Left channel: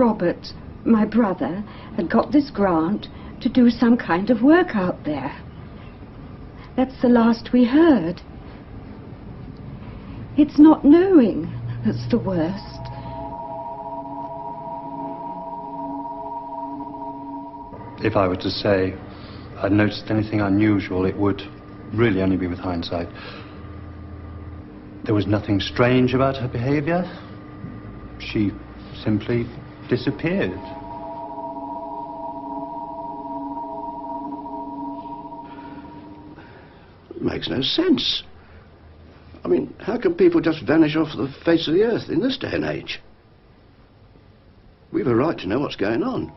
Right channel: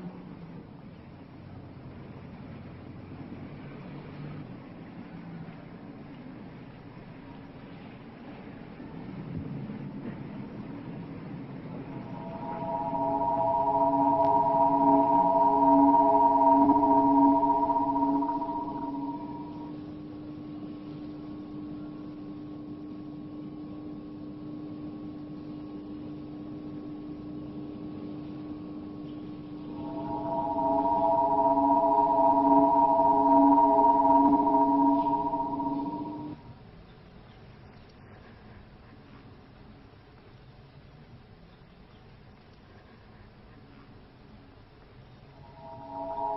Robert, my brother, had got this grant to do some kind of work out there. That's the last we heard. It's not knowing that's the worst. If I were to say I'd noticed anything unusual, it would really only be with hindsight. There was nothing strange about her behavior. She simply disappeared. It makes no sense. I mean, how can people just vanish off the face of the earth in this day and age? We've a right to know what's going on.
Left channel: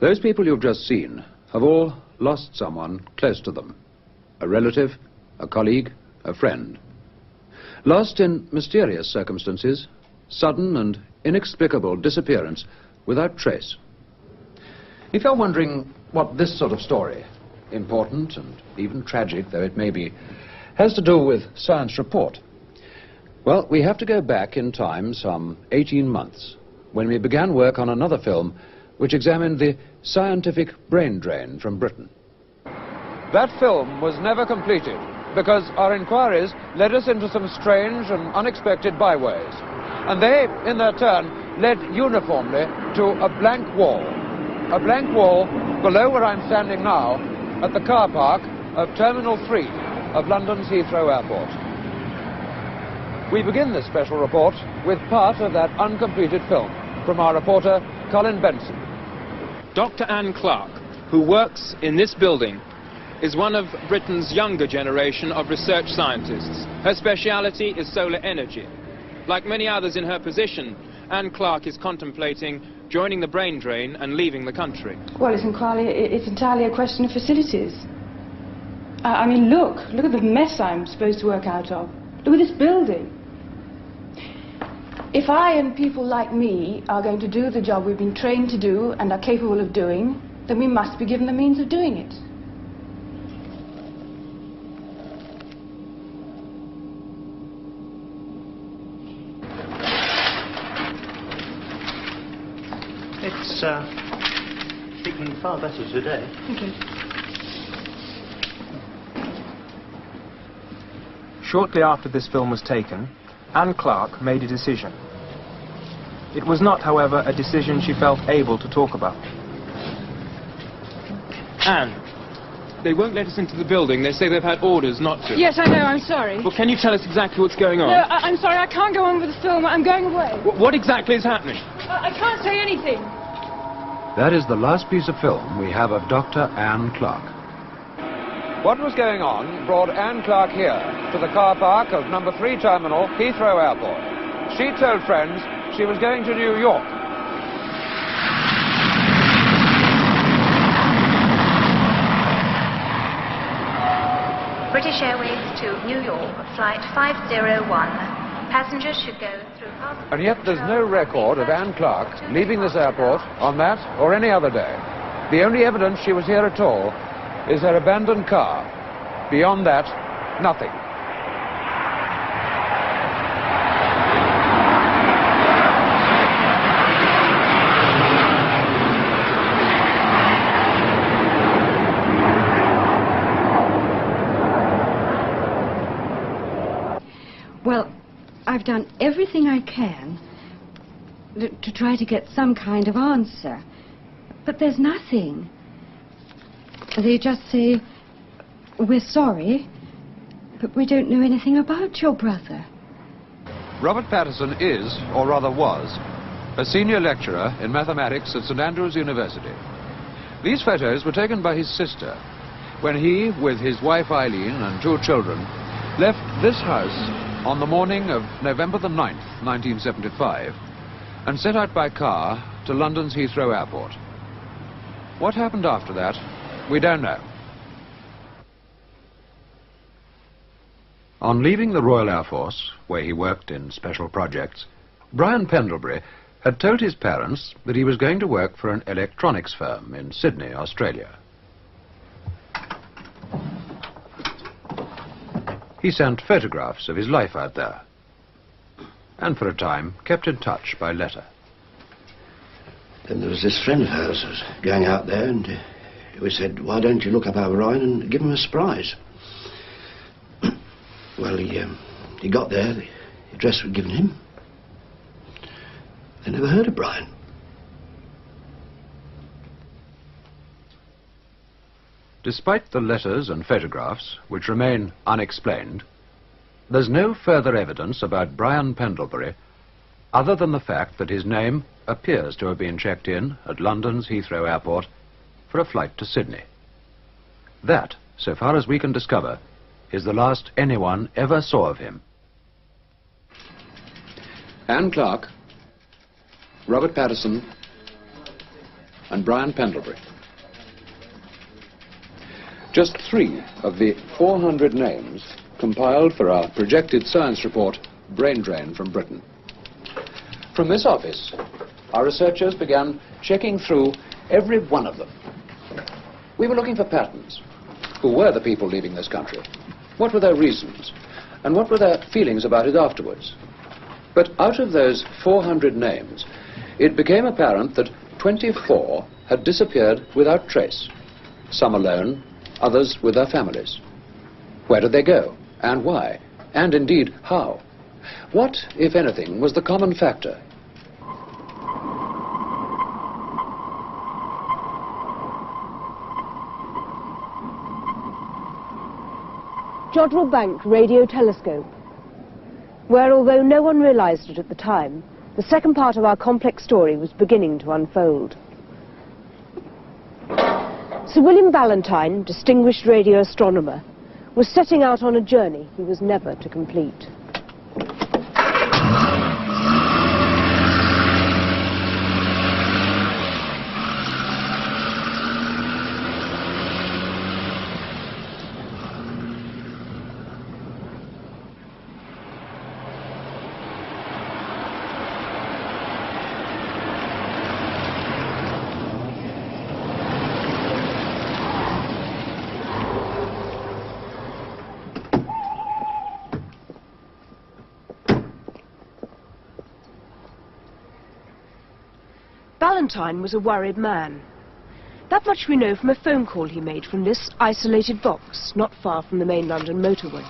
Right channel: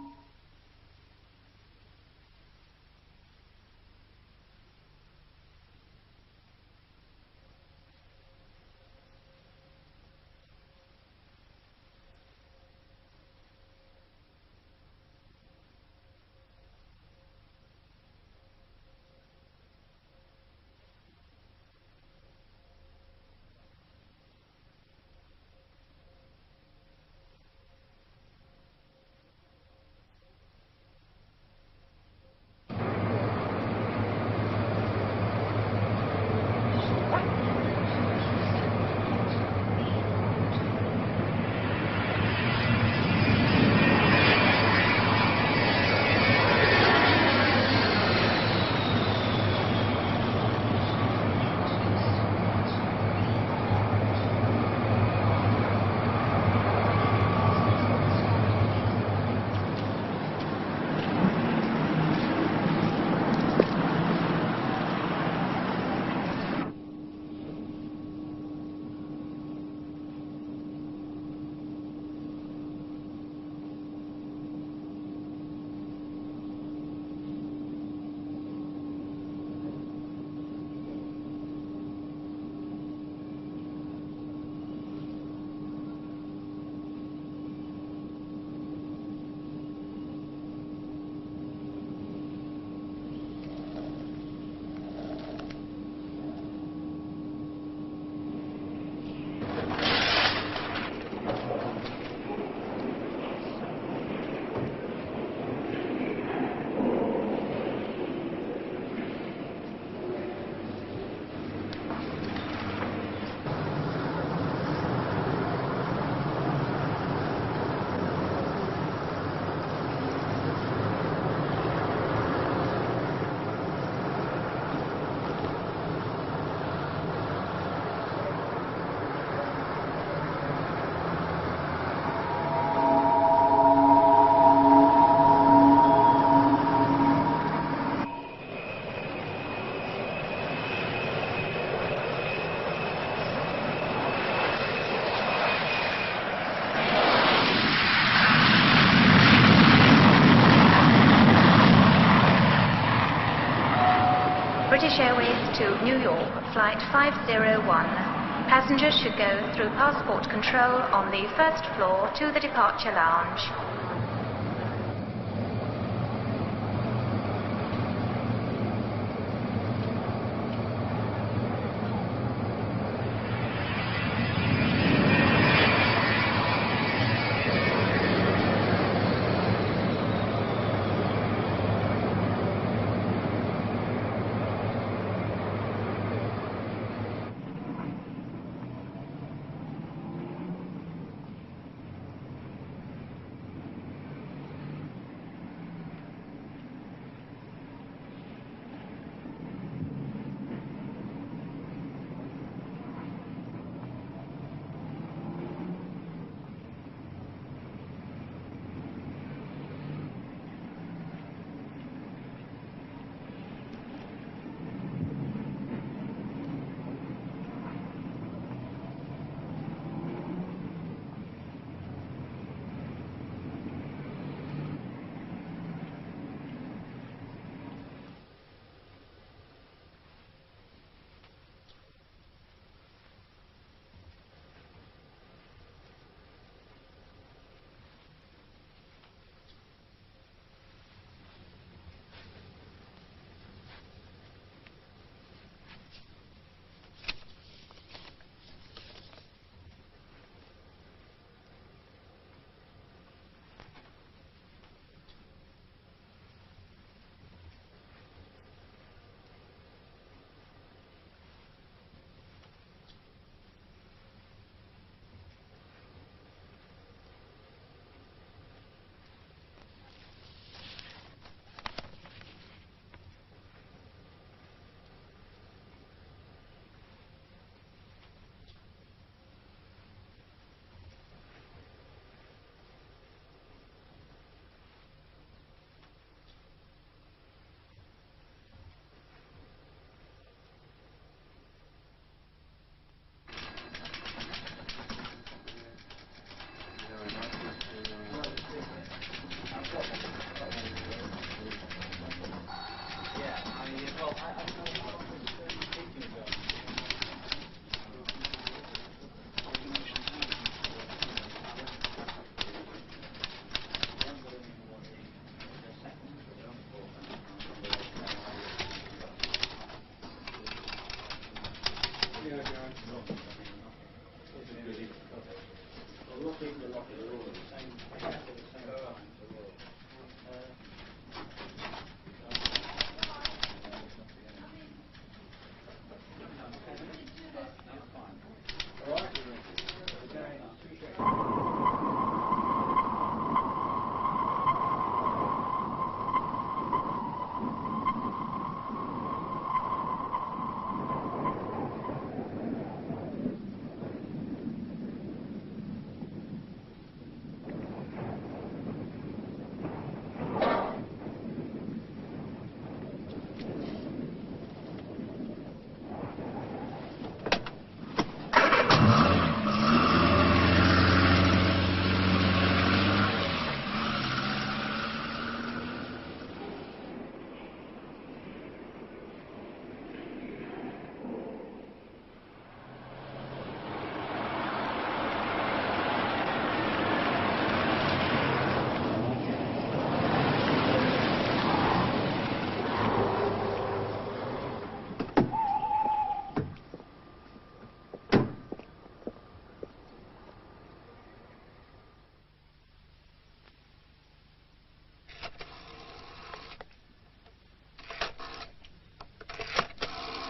Those people you've just seen have all lost someone close to them. A relative, a colleague, a friend. Lost in mysterious circumstances, sudden and inexplicable disappearance without trace. If you're wondering what this sort of story, important and even tragic though it may be, has to do with Science Report, well, we have to go back in time some 18 months, when we began work on another film which examined the scientific brain drain from Britain. That film was never completed because our inquiries led us into some strange and unexpected byways. And they, in their turn, led uniformly to a blank wall. A blank wall below where I'm standing now at the car park of Terminal 3 of London's Heathrow Airport. We begin this special report with part of that uncompleted film from our reporter, Colin Benson. Dr. Anne Clark, who works in this building, is one of Britain's younger generation of research scientists. Her speciality is solar energy. Like many others in her position, Anne Clark is contemplating joining the brain drain and leaving the country. Well, it's entirely a question of facilities. I mean, look at the mess I'm supposed to work out of. Look at this building. If I and people like me are going to do the job we've been trained to do and are capable of doing, then we must be given the means of doing it. It's looking far better today. Shortly after this film was taken, Anne Clark made a decision. It was not, however, a decision she felt able to talk about. Anne, they won't let us into the building. They say they've had orders not to. Yes, I know, I'm sorry. Well, can you tell us exactly what's going on? No, I'm sorry, I can't go on with the film. I'm going away. What exactly is happening? I can't say anything. That is the last piece of film we have of Dr. Anne Clark. What was going on brought Anne Clark here to the car park of number 3 terminal, Heathrow Airport. She told friends she was going to New York. British Airways to New York, flight 501. Passengers should go through passport And yet there's no record of Anne Clark leaving this airport on that or any other day. The only evidence she was here at all is her abandoned car. Beyond that, nothing. Well, I've done everything I can to try to get some kind of answer. But there's nothing. They just say, we're sorry, but we don't know anything about your brother. Robert Patterson is, or rather was, a senior lecturer in mathematics at St. Andrews University. These photos were taken by his sister when he, with his wife Eileen and 2 children, left this house on the morning of November the 9th, 1975, and set out by car to London's Heathrow Airport. What happened after that, we don't know. On leaving the Royal Air Force, where he worked in special projects, Brian Pendlebury had told his parents that he was going to work for an electronics firm in Sydney, Australia. He sent photographs of his life out there, and for a time kept in touch by letter. Then there was this friend of hers who was going out there, and we said, why don't you look up our Brian and give him a surprise? Well, he got there, the address was given him. They never heard of Brian. Despite the letters and photographs, which remain unexplained, there's no further evidence about Brian Pendlebury other than the fact that his name appears to have been checked in at London's Heathrow Airport for a flight to Sydney. That, so far as we can discover, is the last anyone ever saw of him. Anne Clark, Robert Patterson, and Brian Pendlebury. Just 3 of the 400 names compiled for our projected science report, Brain Drain from Britain. From this office, our researchers began checking through every one of them. We were looking for patterns. Who were the people leaving this country? What were their reasons? And what were their feelings about it afterwards? But out of those 400 names, it became apparent that 24 had disappeared without trace. Some alone, others with their families. Where did they go? And why? And indeed, how? What, if anything, was the common factor? Jodrell Bank Radio Telescope, where, although no one realized it at the time, the second part of our complex story was beginning to unfold. Sir William Ballantyne, distinguished radio astronomer, was setting out on a journey he was never to complete. Ballantyne was a worried man. That much we know from a phone call he made from this isolated box, not far from the main London motorway.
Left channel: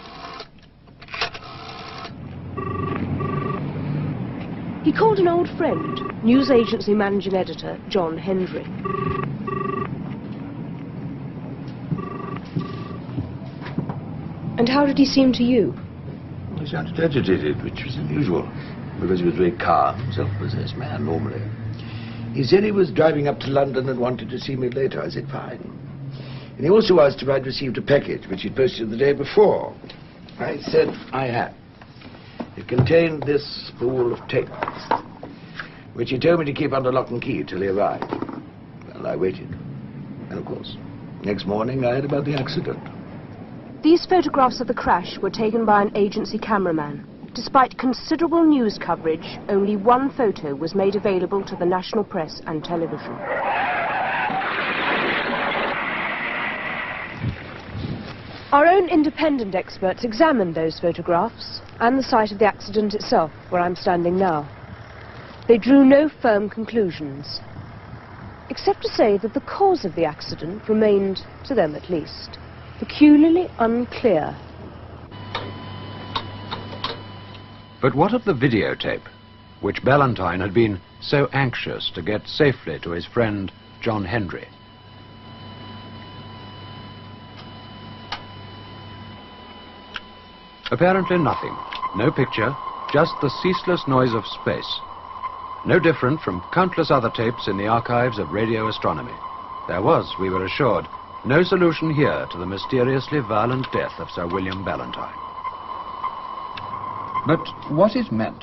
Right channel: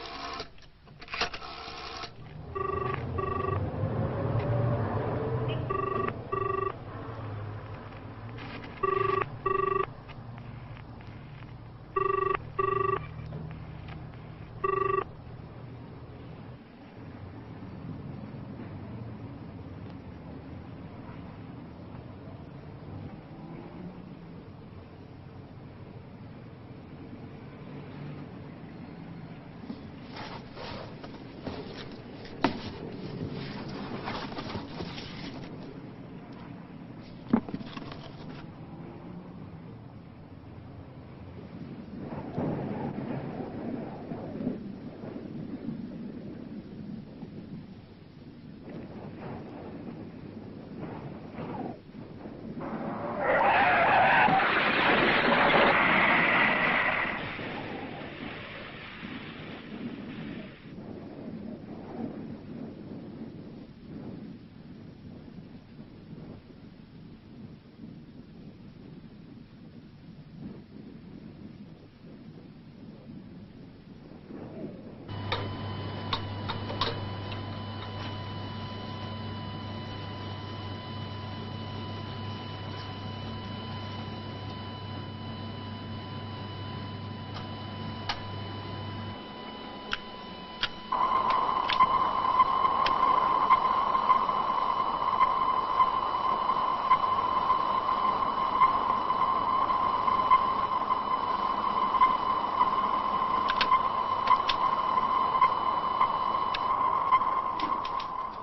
He called an old friend, news agency managing editor John Hendry. And how did he seem to you? He sounded agitated, which was unusual, because he was a very calm, self-possessed man normally. He said he was driving up to London and wanted to see me later. I said, fine. And he also asked if I'd received a package, which he'd posted the day before. I said I had. It contained this spool of tape, which he told me to keep under lock and key till he arrived. Well, I waited. And, of course, next morning I heard about the accident. These photographs of the crash were taken by an agency cameraman. Despite considerable news coverage, only one photo was made available to the national press and television. Our own independent experts examined those photographs and the site of the accident itself, where I'm standing now. They drew no firm conclusions, except to say that the cause of the accident remained, to them at least, peculiarly unclear. But what of the videotape, which Ballantyne had been so anxious to get safely to his friend John Hendry? Apparently nothing. No picture, just the ceaseless noise of space. No different from countless other tapes in the archives of radio astronomy. There was, we were assured, no solution here to the mysteriously violent death of Sir William Ballantyne. But what it meant?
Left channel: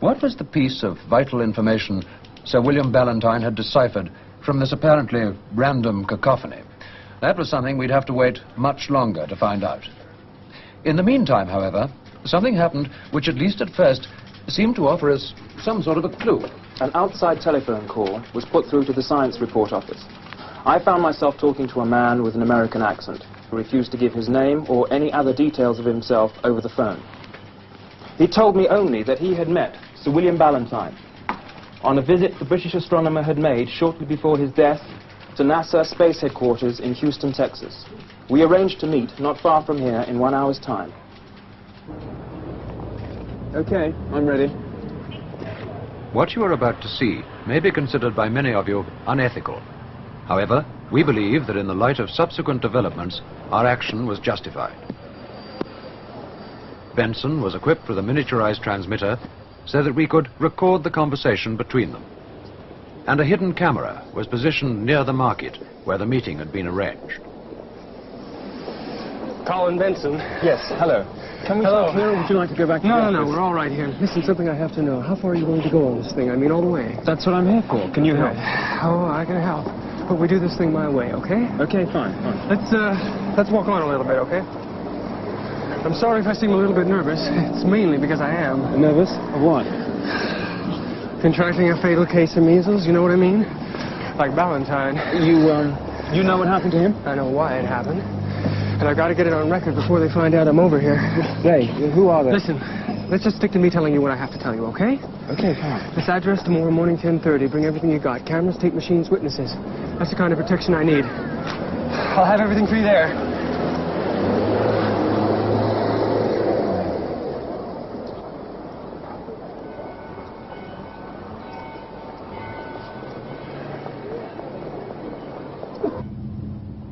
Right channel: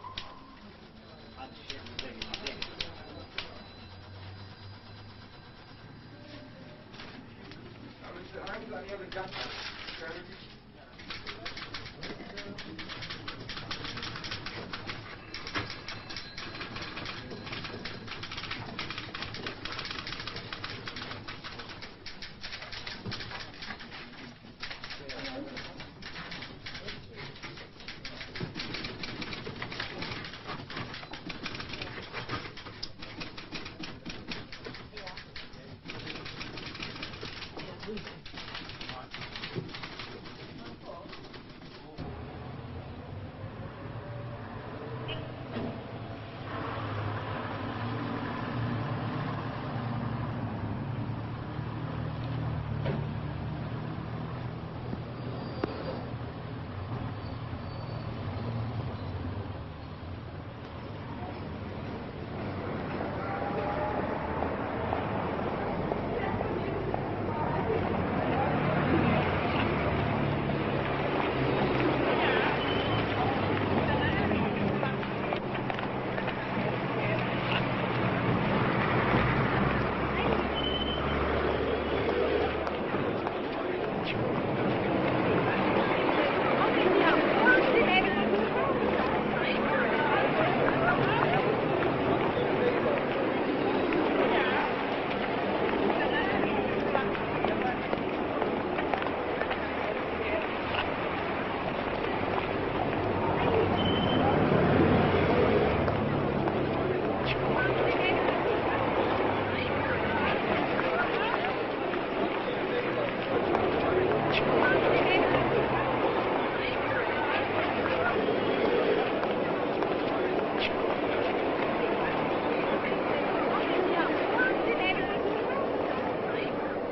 What was the piece of vital information Sir William Ballantyne had deciphered from this apparently random cacophony? That was something we'd have to wait much longer to find out. In the meantime, however, something happened which, at least at first, seemed to offer us some sort of a clue. An outside telephone call was put through to the science report office. I found myself talking to a man with an American accent. refused to give his name or any other details of himself over the phone. He told me only that he had met Sir William Ballantyne on a visit the British astronomer had made shortly before his death to NASA Space Headquarters in Houston, Texas. We arranged to meet not far from here in 1 hour's time. Okay, I'm ready. What you are about to see may be considered by many of you unethical. However, we believe that in the light of subsequent developments, our action was justified. Benson was equipped with a miniaturized transmitter so that we could record the conversation between them. And a hidden camera was positioned near the market where the meeting had been arranged. Colin Benson. Yes, hello. Hello. Here, would you like to go back? No, we're all right here. Listen, something I have to know. How far are you going to go on this thing? I mean, all the way. That's what I'm here for. Can you help? Oh, all right, I can help. But we do this thing my way, okay? Okay, fine. Let's walk on a little bit, okay? I'm sorry if I seem a little bit nervous. It's mainly because I am. Nervous? What? Contracting a fatal case of measles, you know what I mean? Like Valentine. You know what happened to him? I know why it happened. And I gotta get it on record before they find out I'm over here. They? Who are they? Listen, let's just stick to me telling you what I have to tell you, okay? Okay, fine. This address tomorrow morning, 10:30. Bring everything you've got. Cameras, tape machines, witnesses. That's the kind of protection I need. I'll have everything for you there.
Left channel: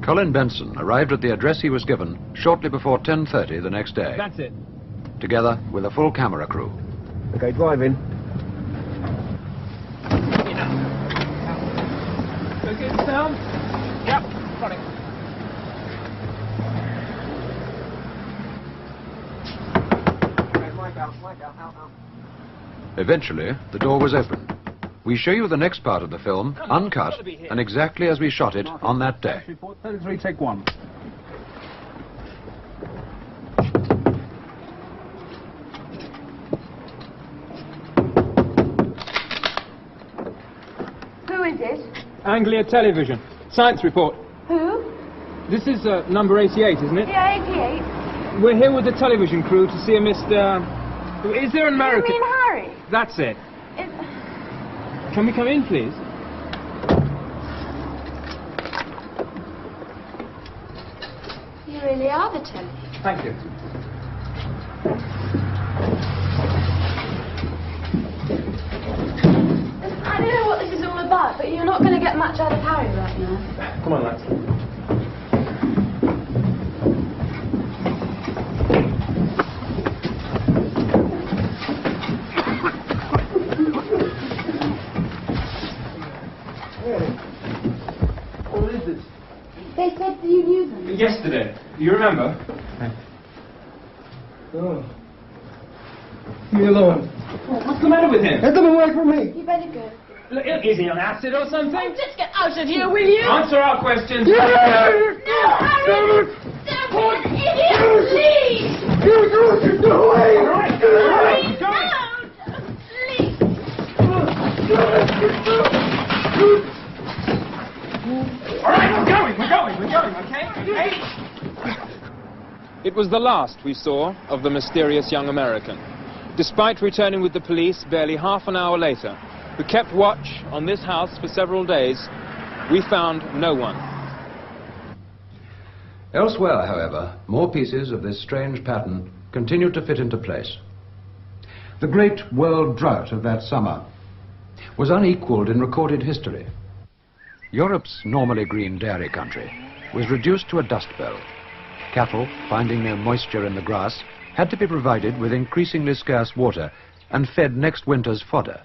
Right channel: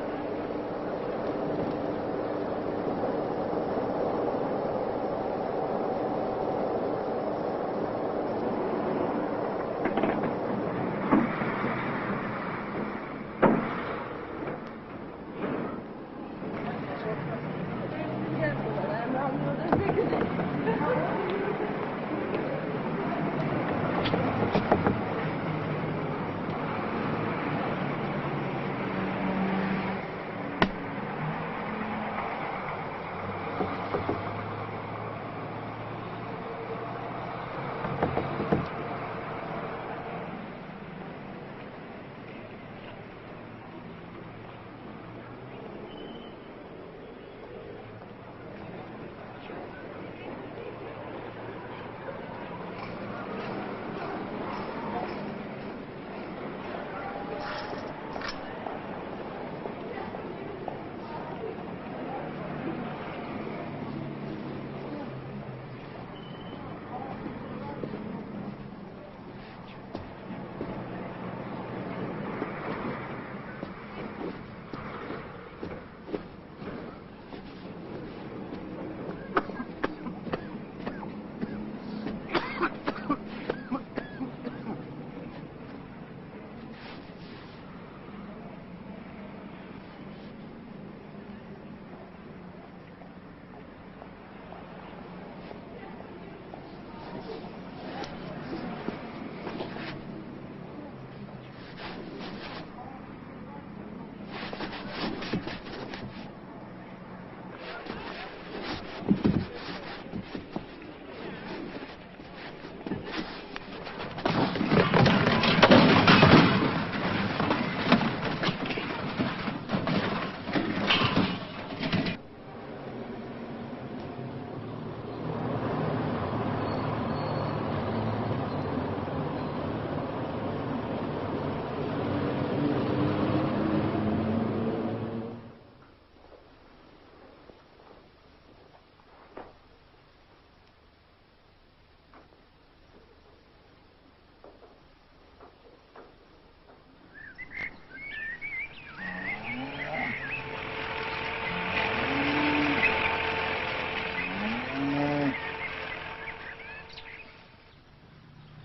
Colin Benson arrived at the address he was given shortly before 10:30 the next day. That's it. Together with a full camera crew. Okay, drive in. Okay, sound? Yep, running. Eventually, the door was opened. We show you the next part of the film, uncut, and exactly as we shot it on that day. Take one. Who is it? Anglia Television. Science report. Who? This is number 88, isn't it? Yeah, 88. We're here with the television crew to see a Mr... Is there an American... You mean Harry? That's it. Can we come in, please? You really are the Tony. Thank you. I don't know what this is all about, but you're not going to get much out of Harry right now. Come on, lads. What is it? They said you knew them. Yesterday. You remember? Oh. Leave me alone. What's the matter with him? Get them away from me. You better go. Look, is he on acid or something? Just get out of here, will you? Answer our questions. No, Harry! Don't be an idiot, please! Go away! Harry, no! Please! All right, we're going, okay? It was the last we saw of the mysterious young American. Despite returning with the police barely half an hour later, who kept watch on this house for several days, we found no one. Elsewhere, however, more pieces of this strange pattern continued to fit into place. The great world drought of that summer was unequaled in recorded history. Europe's normally green dairy country was reduced to a dust bowl. Cattle, finding no moisture in the grass, had to be provided with increasingly scarce water and fed next winter's fodder.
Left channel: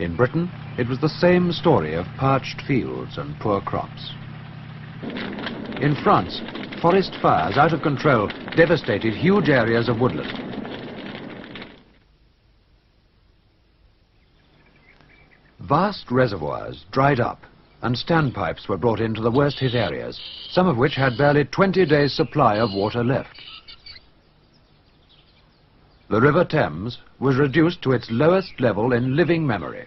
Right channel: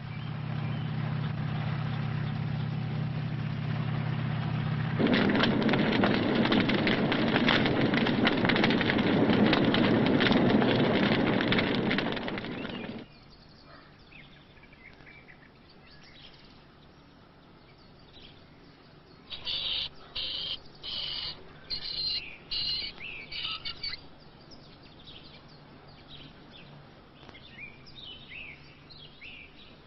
In Britain, it was the same story of parched fields and poor crops. In France, forest fires out of control devastated huge areas of woodland. Vast reservoirs dried up, and standpipes were brought into the worst hit areas, some of which had barely 20 days' supply of water left. The River Thames was reduced to its lowest level in living memory.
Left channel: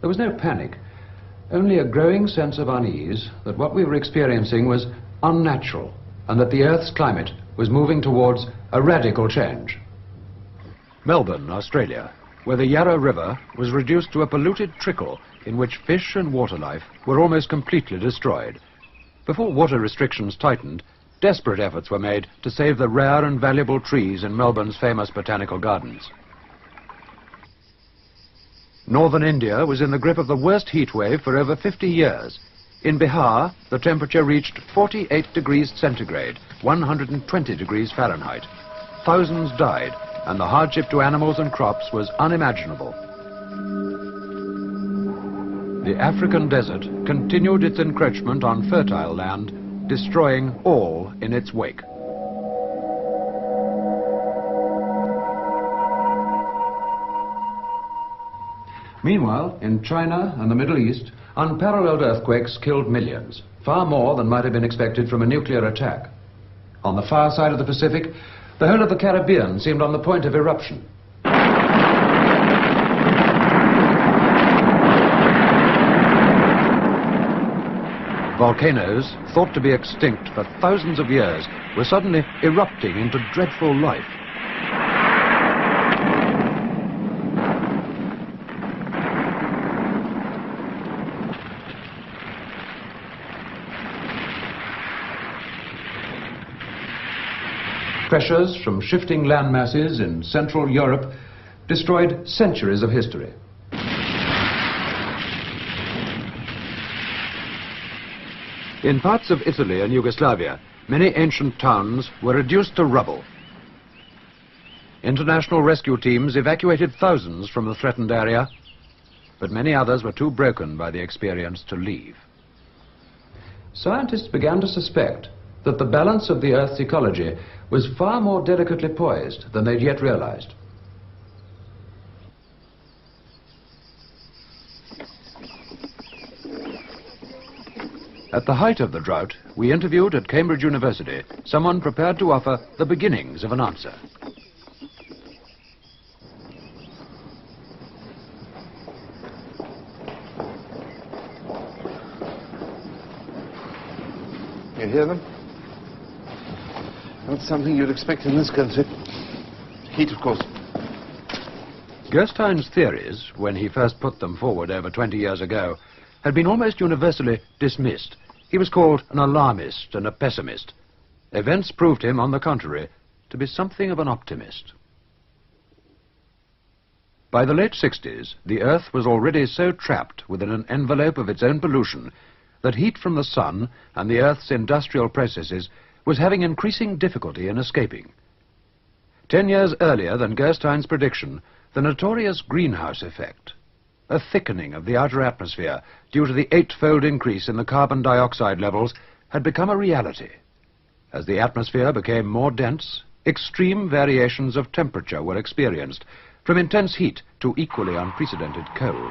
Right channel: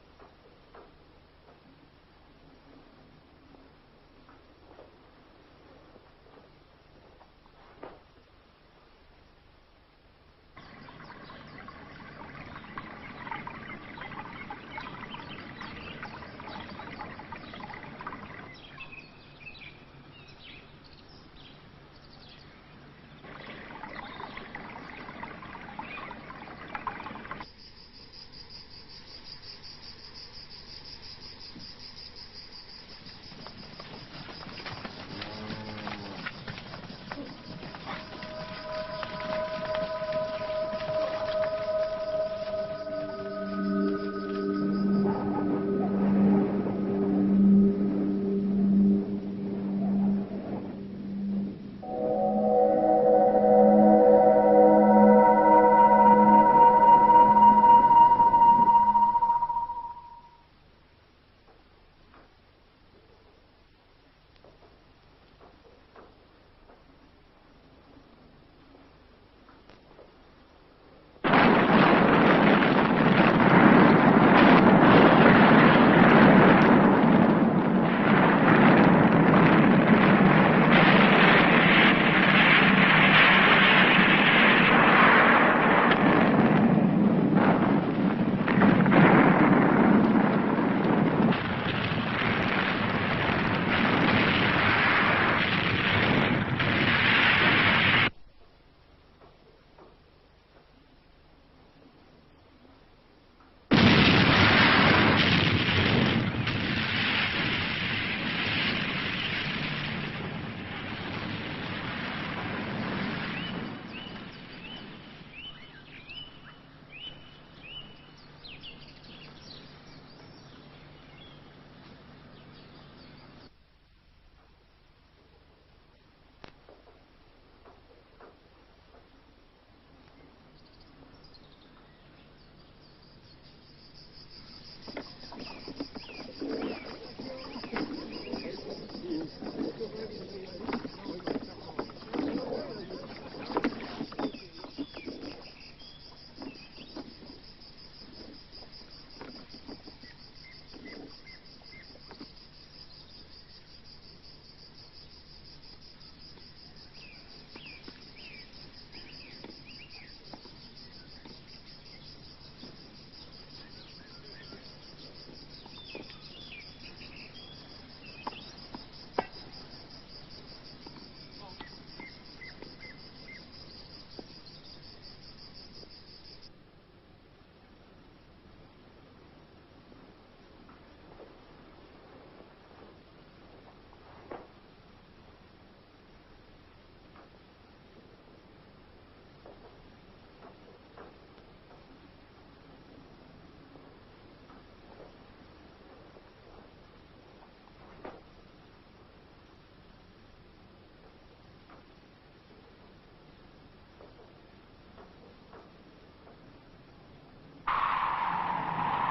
There was no panic, only a growing sense of unease that what we were experiencing was unnatural and that the Earth's climate was moving towards a radical change. Melbourne, Australia, where the Yarra River was reduced to a polluted trickle in which fish and water life were almost completely destroyed. Before water restrictions tightened, desperate efforts were made to save the rare and valuable trees in Melbourne's famous botanical gardens. Northern India was in the grip of the worst heat wave for over 50 years. In Bihar, the temperature reached 48 degrees centigrade, 120 degrees Fahrenheit. Thousands died, and the hardship to animals and crops was unimaginable. The African desert continued its encroachment on fertile land, destroying all in its wake. Meanwhile, in China and the Middle East, unparalleled earthquakes killed millions, far more than might have been expected from a nuclear attack. On the far side of the Pacific, the whole of the Caribbean seemed on the point of eruption. Volcanoes, thought to be extinct for thousands of years, were suddenly erupting into dreadful life. Pressures from shifting land masses in Central Europe destroyed centuries of history. In parts of Italy and Yugoslavia, many ancient towns were reduced to rubble. International rescue teams evacuated thousands from the threatened area, but many others were too broken by the experience to leave. Scientists began to suspect that the balance of the Earth's ecology was far more delicately poised than they'd yet realized. At the height of the drought, we interviewed at Cambridge University someone prepared to offer the beginnings of an answer. You hear them? Not something you'd expect in this country. Heat, of course. Gerstein's theories, when he first put them forward over 20 years ago, had been almost universally dismissed. He was called an alarmist and a pessimist. Events proved him, on the contrary, to be something of an optimist. By the late 60s, the Earth was already so trapped within an envelope of its own pollution that heat from the sun and the Earth's industrial processes was having increasing difficulty in escaping. 10 years earlier than Gerstein's prediction, the notorious greenhouse effect, a thickening of the outer atmosphere due to the 8-fold increase in the carbon dioxide levels, had become a reality. As the atmosphere became more dense, extreme variations of temperature were experienced, from intense heat to equally unprecedented cold.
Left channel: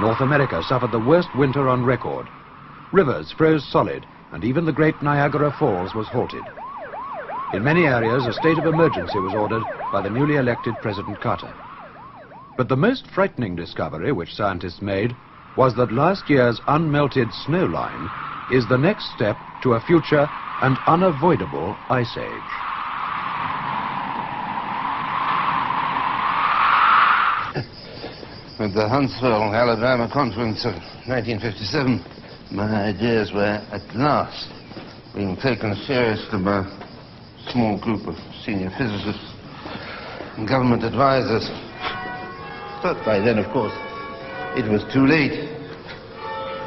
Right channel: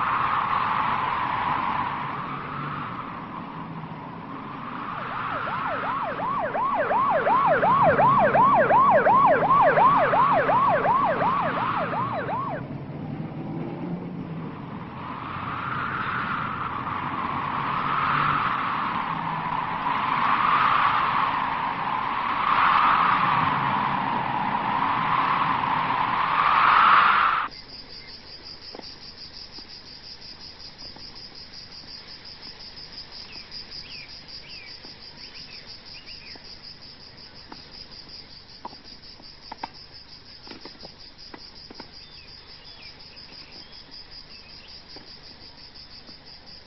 North America suffered the worst winter on record. Rivers froze solid, and even the great Niagara Falls was halted. In many areas, a state of emergency was ordered by the newly elected President Carter. But the most frightening discovery which scientists made was that last year's unmelted snow line is the next step to a future and unavoidable ice age. At the Huntsville, Alabama conference of 1957, my ideas were at last being taken seriously by a small group of senior physicists and government advisors. But by then, of course, it was too late.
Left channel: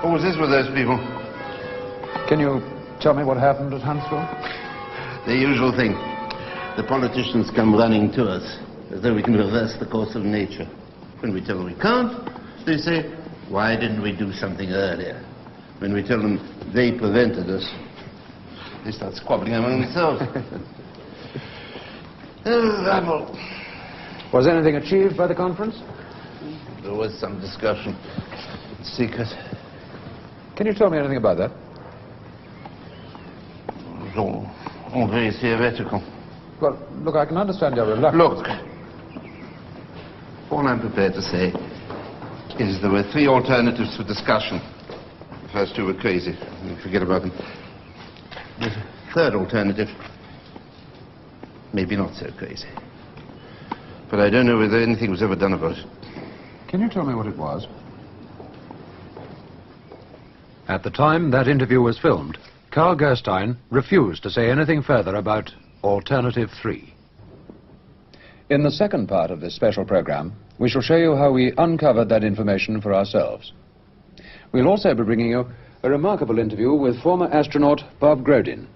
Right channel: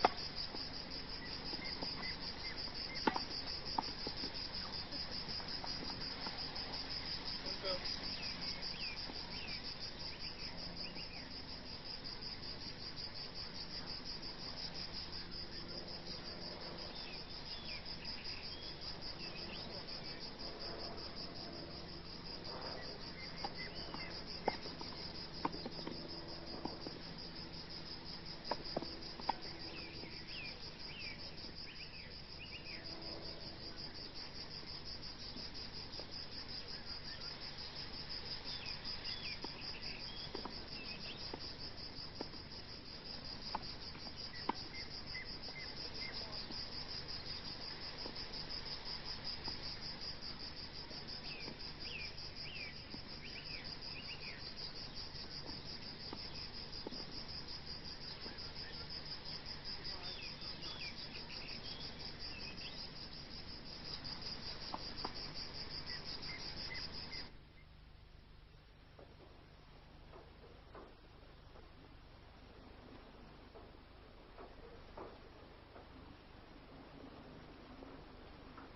What was this with those people? Can you tell me what happened at Huntsville? The usual thing. The politicians come running to us as though we can reverse the course of nature. When we tell them we can't, they say, why didn't we do something earlier? When we tell them they prevented us, they start squabbling among themselves. Rabble. Was anything achieved by the conference? There was some discussion. Secret. Can you tell me anything about that? It was all very theoretical. Well, look, I can understand your reluctance. Look, all I'm prepared to say is there were 3 alternatives for discussion. The first 2 were crazy. We forget about them. There's a third alternative. Maybe not so crazy. But I don't know whether anything was ever done about it. Can you tell me what it was? At the time that interview was filmed, Carl Gerstein refused to say anything further about Alternative 3. In the second part of this special program, we shall show you how we uncovered that information for ourselves. We'll also be bringing you a remarkable interview with former astronaut Bob Grodin,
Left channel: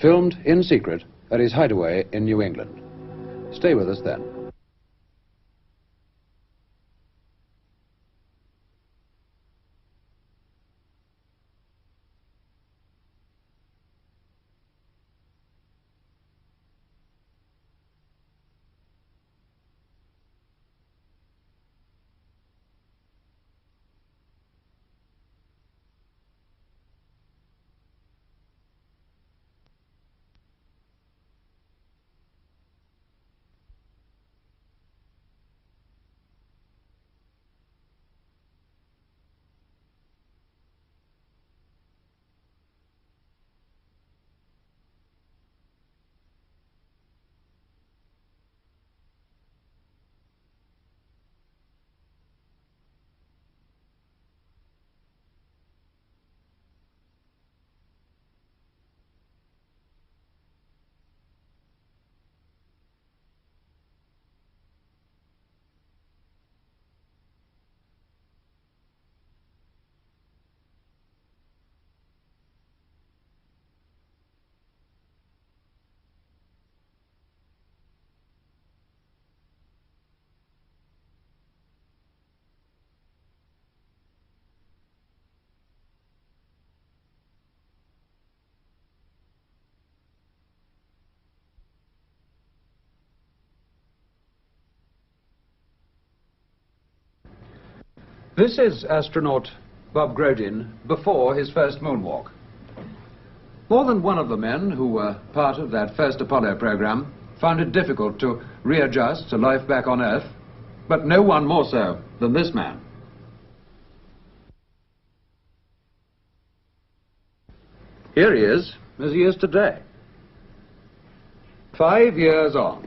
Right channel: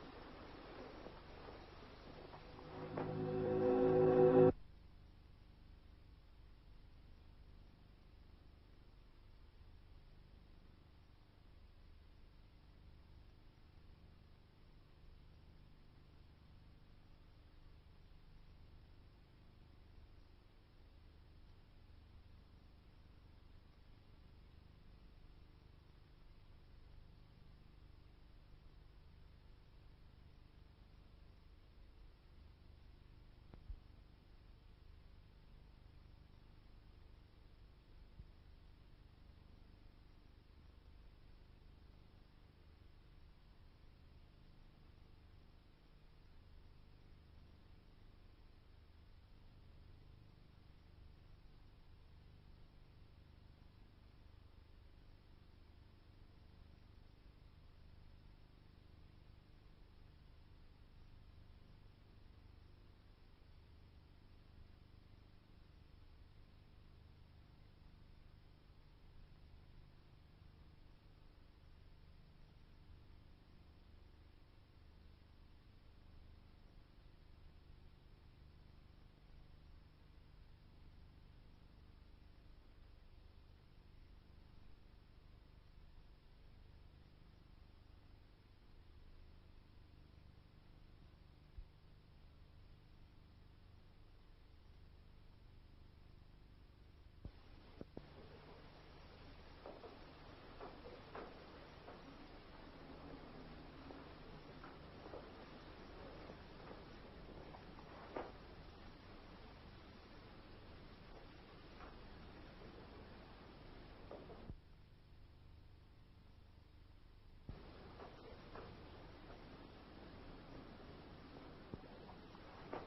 filmed in secret at his hideaway in New England. Stay with us then. This is astronaut Bob Grodin before his first moonwalk. More than one of the men who were part of that first Apollo program found it difficult to readjust to life back on Earth, but no one more so than this man. Here he is, as he is today. 5 years on.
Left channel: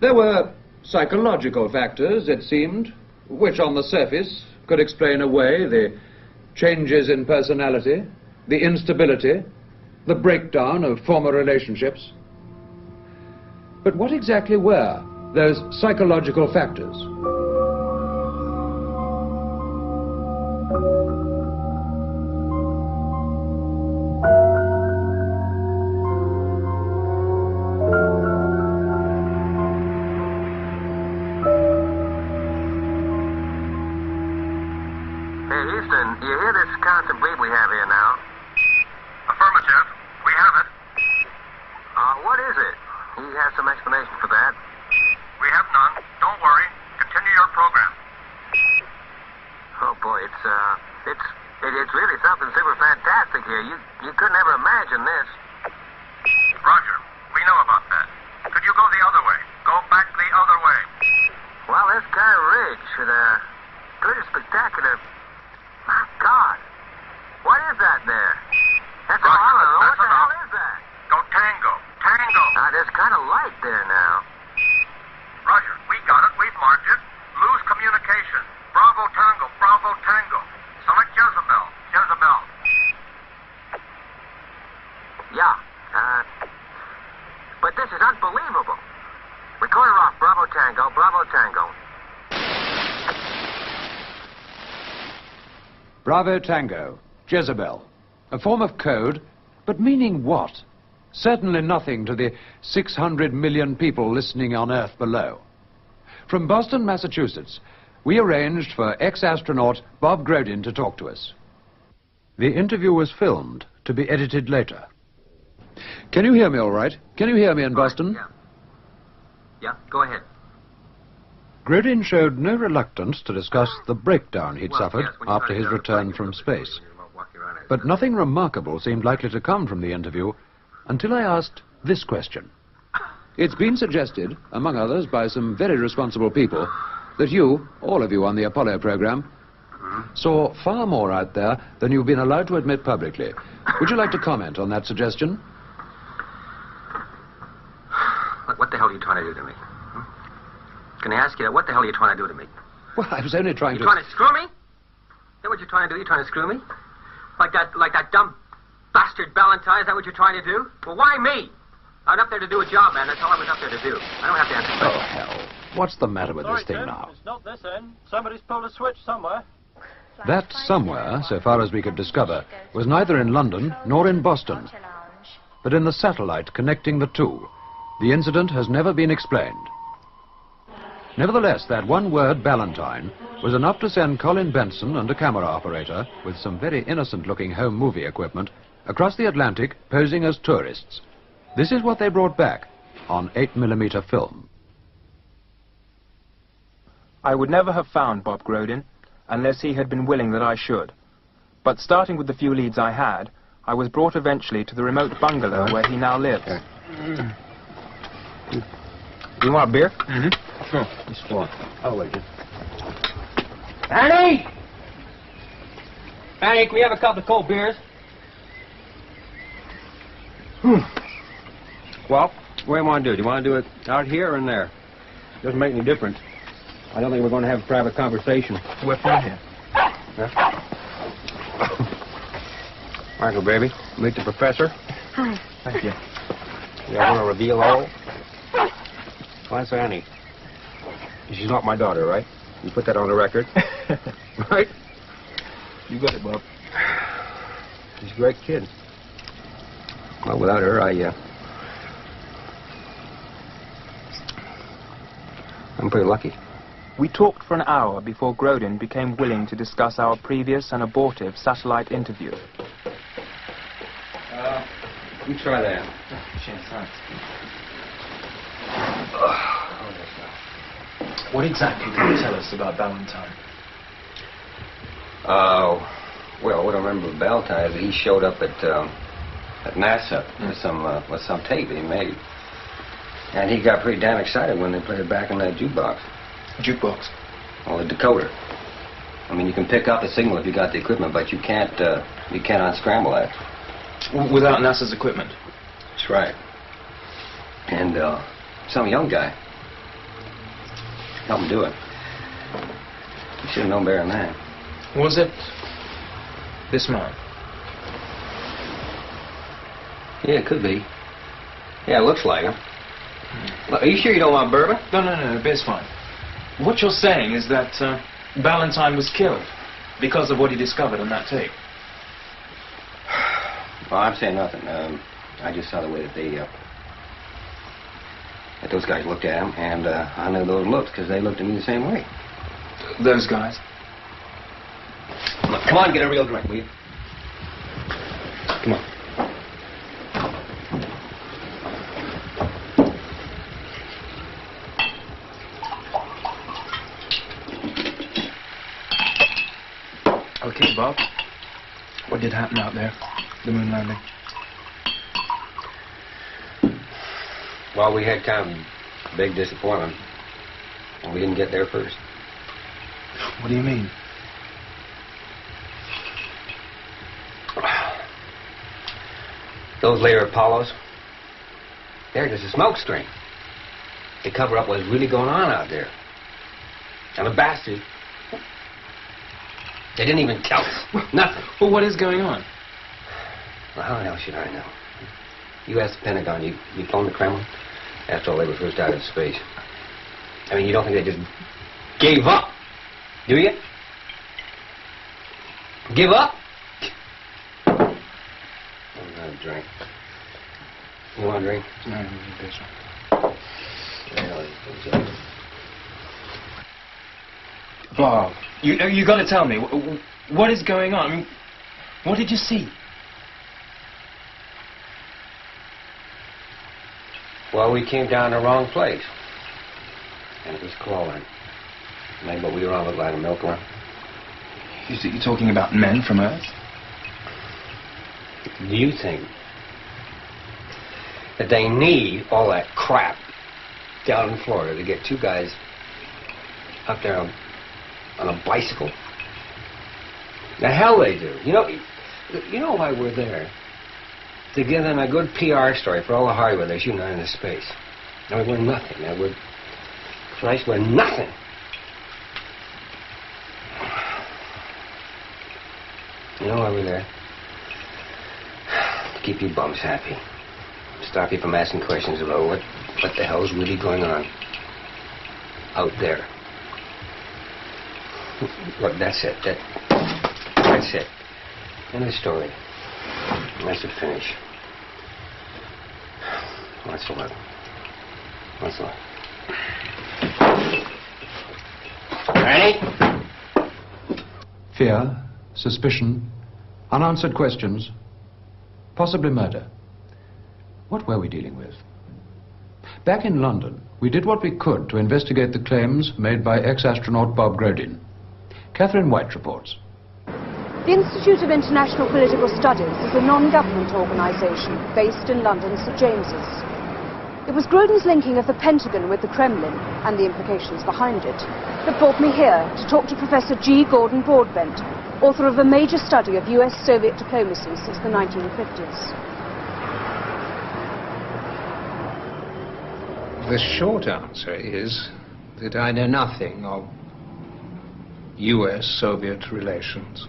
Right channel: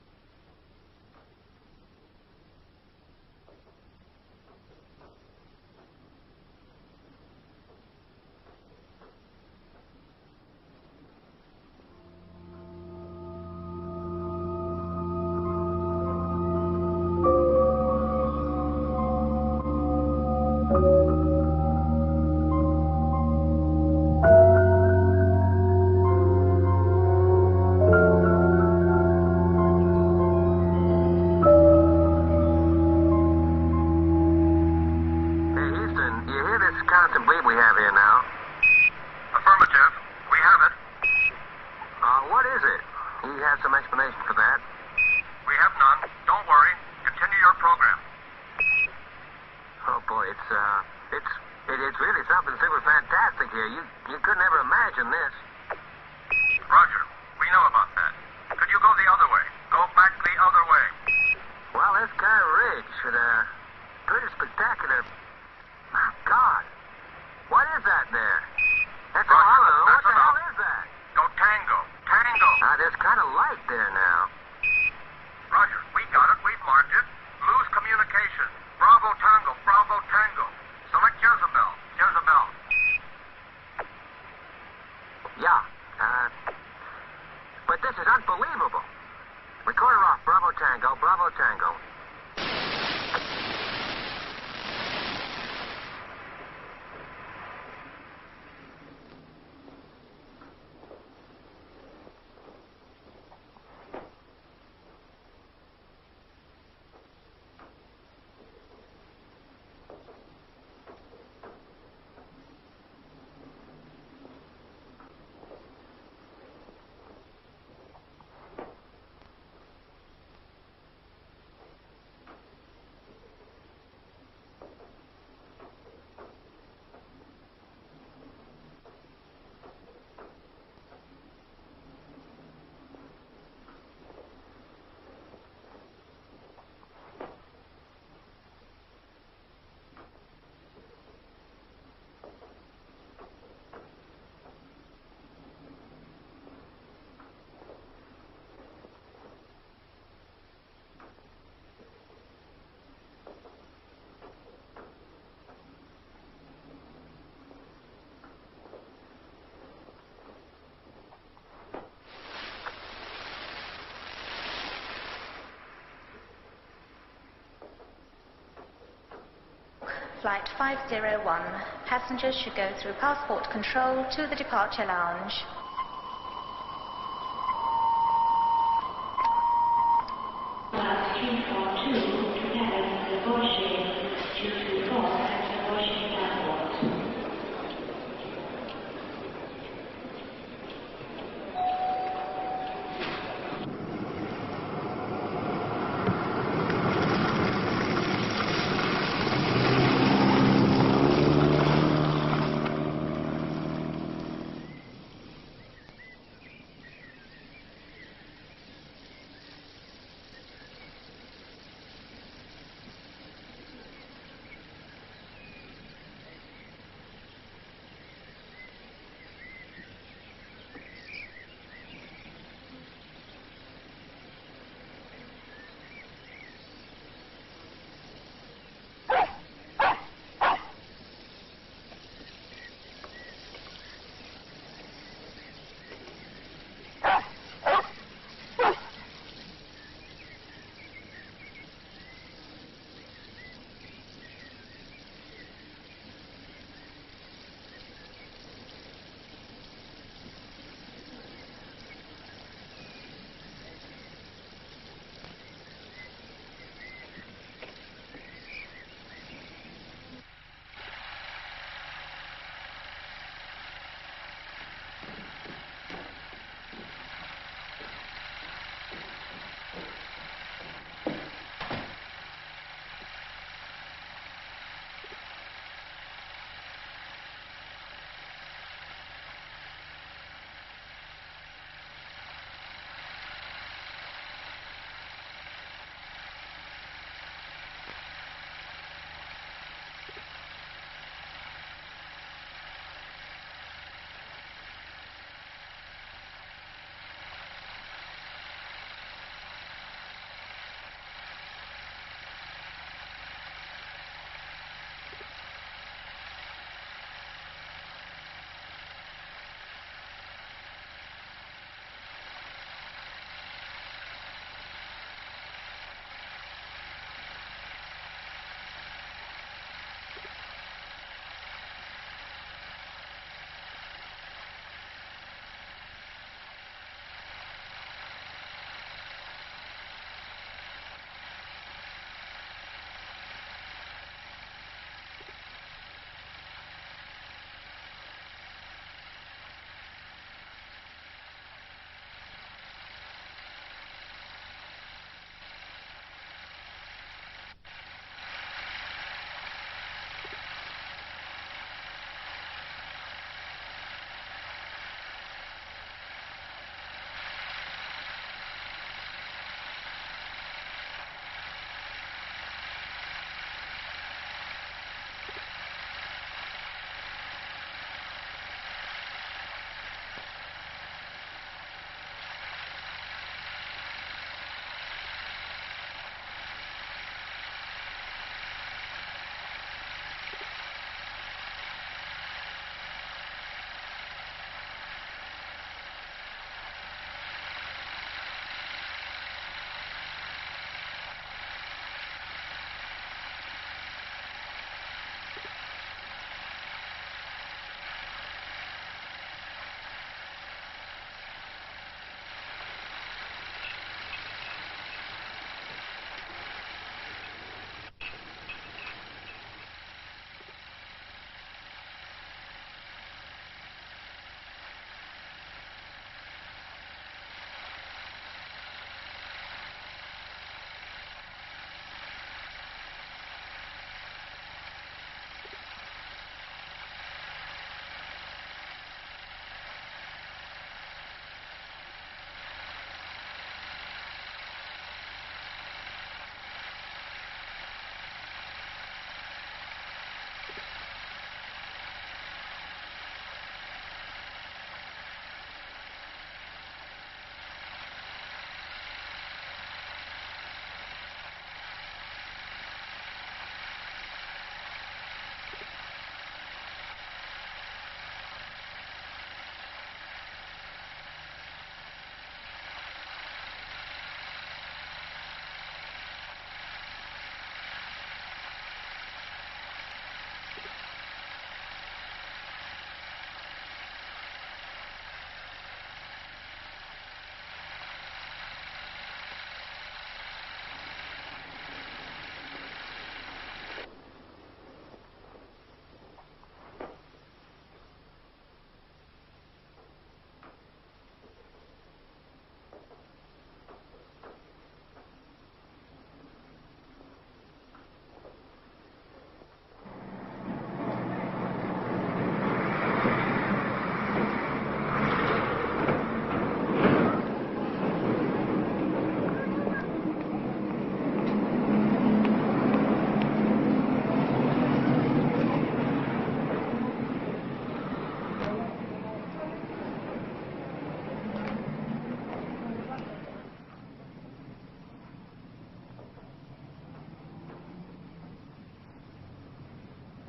There were psychological factors, it seemed, which on the surface could explain away the changes in personality, the instability, the breakdown of former relationships. But what exactly were those psychological factors? Bravo Tango, Jezebel. A form of code, but meaning what? Certainly nothing to the 600 million people listening on Earth below. From Boston, Massachusetts, we arranged for ex-astronaut Bob Grodin to talk to us. The interview was filmed to be edited later. Can you hear me all right? Can you hear me in Boston? Yeah, go ahead. Grodin showed no reluctance to discuss the breakdown he'd suffered after his return from space. But nothing remarkable seemed likely to come from the interview until I asked this question. It's been suggested, among others by some very responsible people, that you, all of you on the Apollo program, saw far more out there than you've been allowed to admit publicly. Would you like to comment on that suggestion? Look, what the hell are you trying to do to me? Hmm? Can I ask you that? What the hell are you trying to do to me? Well, I was only trying You trying to screw me? Is that what you're trying to do? You trying to screw me? Like that dumb bastard Ballantyne? Is that what you're trying to do? Well, why me? I was up there to do a job, man. That's all I was up there to do. I don't have to answer Oh, questions. hell. What's the matter with Sorry, this thing Tim, now? It's not this end. Somebody's pulled a switch somewhere. That somewhere, so far as we could discover, was neither in London nor in Boston, but in the satellite connecting the two. The incident has never been explained. Nevertheless, that one word, Ballantyne, was enough to send Colin Benson and a camera operator, with some very innocent-looking home movie equipment, across the Atlantic, posing as tourists. This is what they brought back on 8mm film. I would never have found Bob Grogan unless he had been willing that I should. But starting with the few leads I had, I was brought eventually to the remote bungalow where he now lives. You want a beer? Mm-hmm. Sure. This one. I'll wait. Annie! Annie, can we have a couple of cold beers? Well, what do you want to do? Do you want to do it out here or in there? Doesn't make any difference. I don't think we're going to have a private conversation. We're fine here. Huh? Michael, baby, meet the professor. Hi. Thank you. You want to reveal all? Well, that's Annie. She's not my daughter, right? You put that on the record. Right? You got it, Bob. She's a great kid. Well, without her, I'm pretty lucky. We talked for an hour before Grodin became willing to discuss our previous and abortive satellite interview. You try that. Cheers, thanks. What exactly can you tell us about Ballantyne? Well, what I remember of Ballantyne is that he showed up at NASA with some tape that he made. And he got pretty damn excited when they played it back in that jukebox. Jukebox? Well, the decoder. I mean, you can pick up the signal if you got the equipment, but you can't unscramble that. Without NASA's equipment? That's right. And some young guy helped him do it. You should have known better than that. Was it this man? Yeah, it could be. Yeah, it looks like him. Look, are you sure you don't want bourbon? No, beer's fine. What you're saying is that Ballantyne was killed because of what he discovered on that tape. Well, I'm saying nothing. I just saw the way that that those guys looked at him, and I knew those looks because they looked at me the same way. Those guys? Look, come on, get a real drink, will you? Come on. Okay, Bob. What did happen out there? The moon landing? Well, we had kind of a big disappointment. We didn't get there first. What do you mean? Those later Apollos, they're just a smoke screen. They cover up what's really going on out there. And the bastards, they didn't even tell us. Nothing. Well, what is going on? Well, how the hell should I know? You asked the Pentagon, you phoned the Kremlin after all they were first out in space. I mean, you don't think they just gave up, do you? Give up? I'm gonna drink. You want a drink? No, I don't need this. Bob, you got to tell me, what is going on? I mean, what did you see? Well, we came down the wrong place. And it was crawling. Maybe what we were on looked like a milkworm. You're talking about men from Earth? Do you think that they need all that crap down in Florida to get two guys up there on a bicycle? The hell they do. You know, You know why we're there? To give them a good PR story for all the hardware they're shooting out into space. I mean, we're nothing, man. Christ, we're nothing. You know why we're there? To keep you bums happy. Stop you from asking questions about what the hell's really going on out there. Look, that's it. That's it. End of the story. That's it, finish. What's the luck? What's the luck? Ready? Fear, suspicion, unanswered questions, possibly murder. What were we dealing with? Back in London, we did what we could to investigate the claims made by ex-astronaut Bob Grodin. Catherine White reports. The Institute of International Political Studies is a non-government organisation based in London's St James's. It was Grodin's linking of the Pentagon with the Kremlin and the implications behind it that brought me here to talk to Professor G. Gordon Broadbent, author of a major study of US-Soviet diplomacy since the 1950s. The short answer is that I know nothing of US-Soviet relations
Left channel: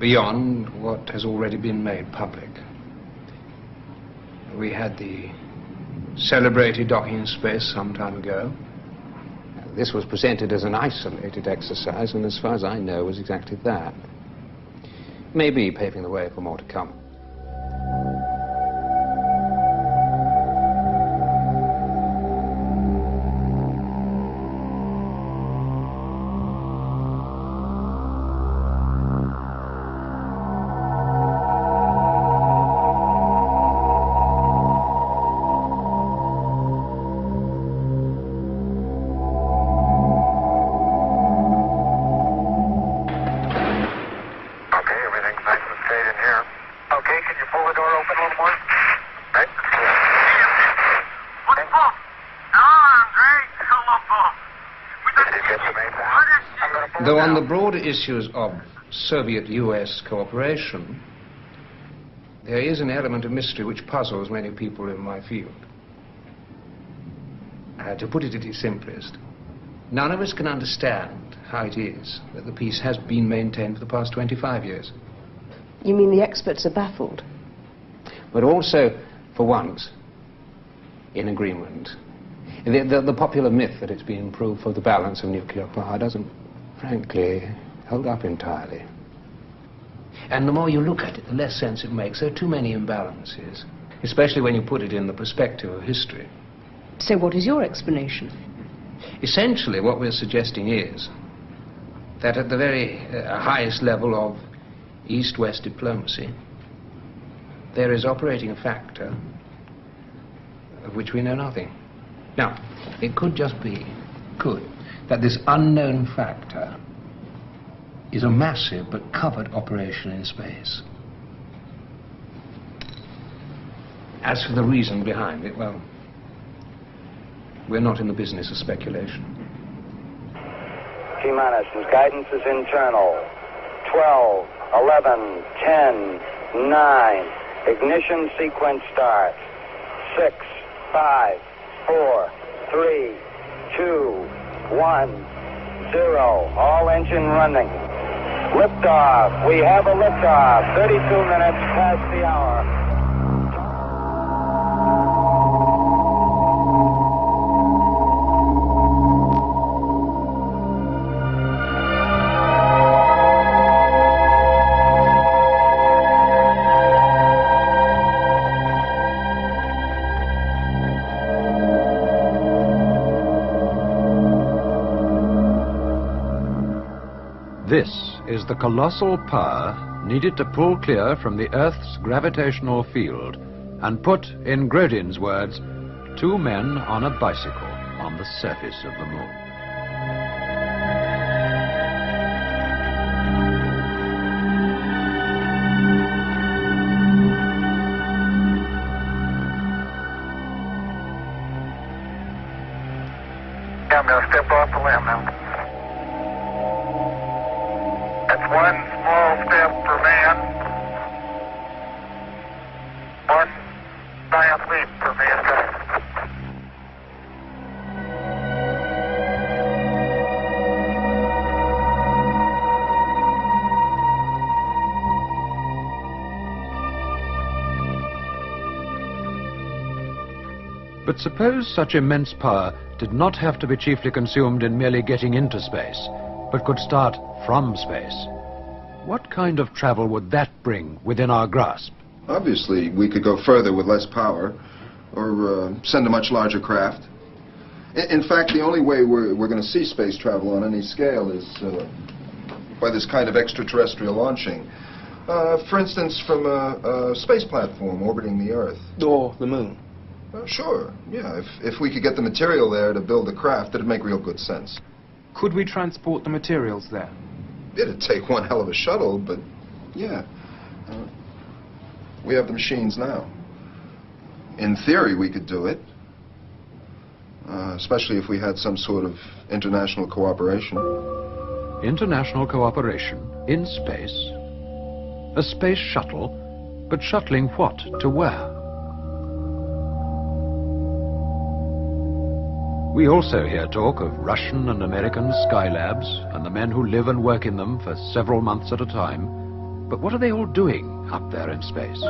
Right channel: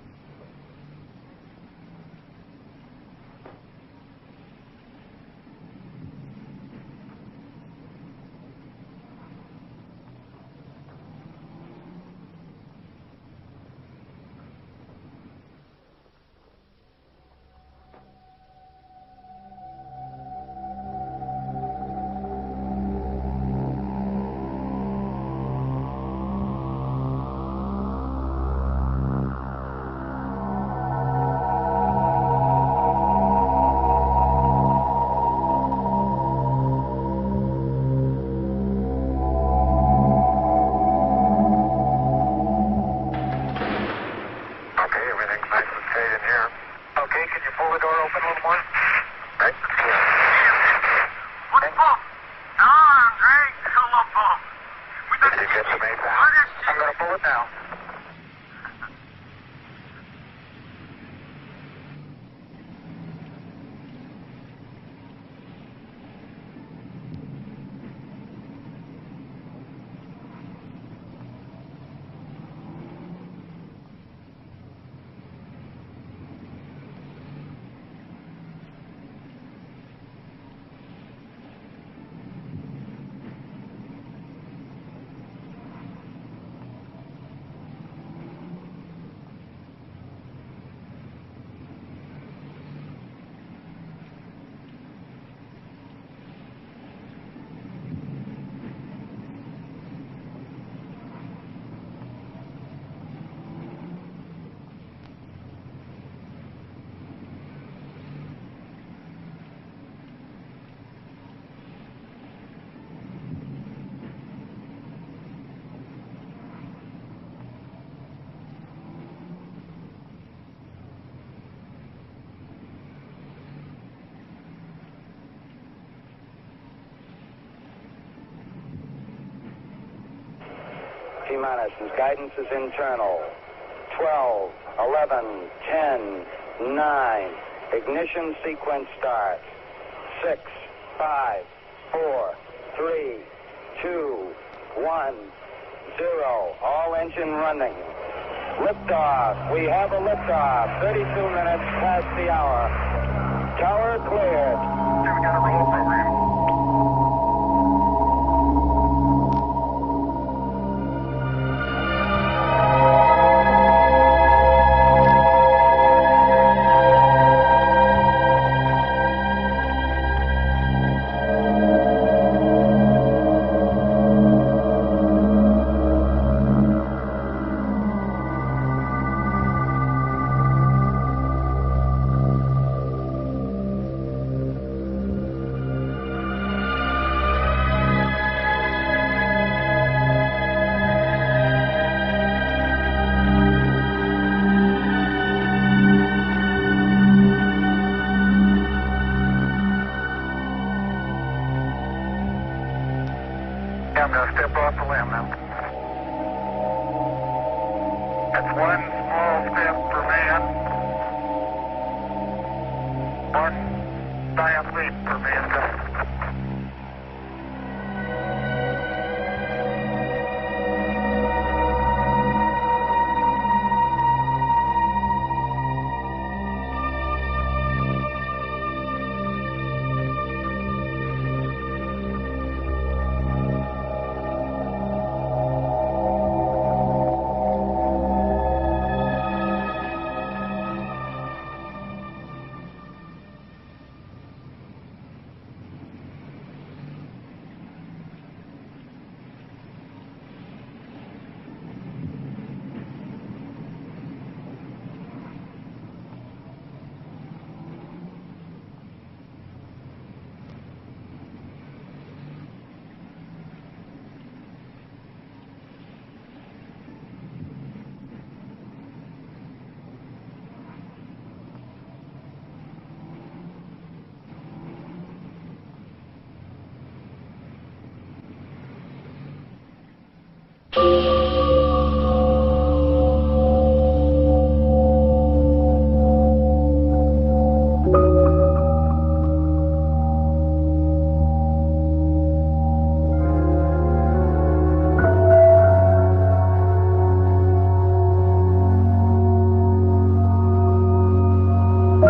beyond what has already been made public. We had the celebrated docking in space some time ago. This was presented as an isolated exercise, and as far as I know, was exactly that. Maybe paving the way for more to come. Though on the broader issues of Soviet-US cooperation, there is an element of mystery which puzzles many people in my field. To put it at its simplest, none of us can understand how it is that the peace has been maintained for the past 25 years. You mean the experts are baffled? But also, for once, in agreement. The popular myth that it's been improved for the balance of nuclear power doesn't, frankly, hold up entirely. And the more you look at it, the less sense it makes. There are too many imbalances, especially when you put it in the perspective of history. So what is your explanation? Essentially, what we're suggesting is that at the very highest level of East-West diplomacy, there is operating a factor of which we know nothing. Now, it could just be, that this unknown factor is a massive but covered operation in space. As for the reason behind it, well, we're not in the business of speculation. T-minus, guidance is internal. 12, 11, 10, 9. Ignition sequence start. 6, 5, 4, 3, 2, 1, 0. All engine running. Liftoff. We have a liftoff. 32 minutes past the hour. Tower cleared. This is the colossal power needed to pull clear from the Earth's gravitational field and put, in Grodin's words, 2 men on a bicycle on the surface of the moon. I'm going to step off the land now. That's one small step for man, But suppose such immense power did not have to be chiefly consumed in merely getting into space, but could start from space. What kind of travel would that bring within our grasp? Obviously, we could go further with less power, or send a much larger craft. In fact, the only way we're going to see space travel on any scale is by this kind of extraterrestrial launching. For instance, from a space platform orbiting the Earth. Or the moon. Sure, yeah. If we could get the material there to build a craft, it'd make real good sense. Could we transport the materials there? It'd take one hell of a shuttle, but yeah. We have the machines now. In theory, we could do it. Especially if we had some sort of international cooperation. International cooperation in space. A space shuttle, but shuttling what to where? We also hear talk of Russian and American skylabs and the men who live and work in them for several months at a time. But what are they all doing up there in space?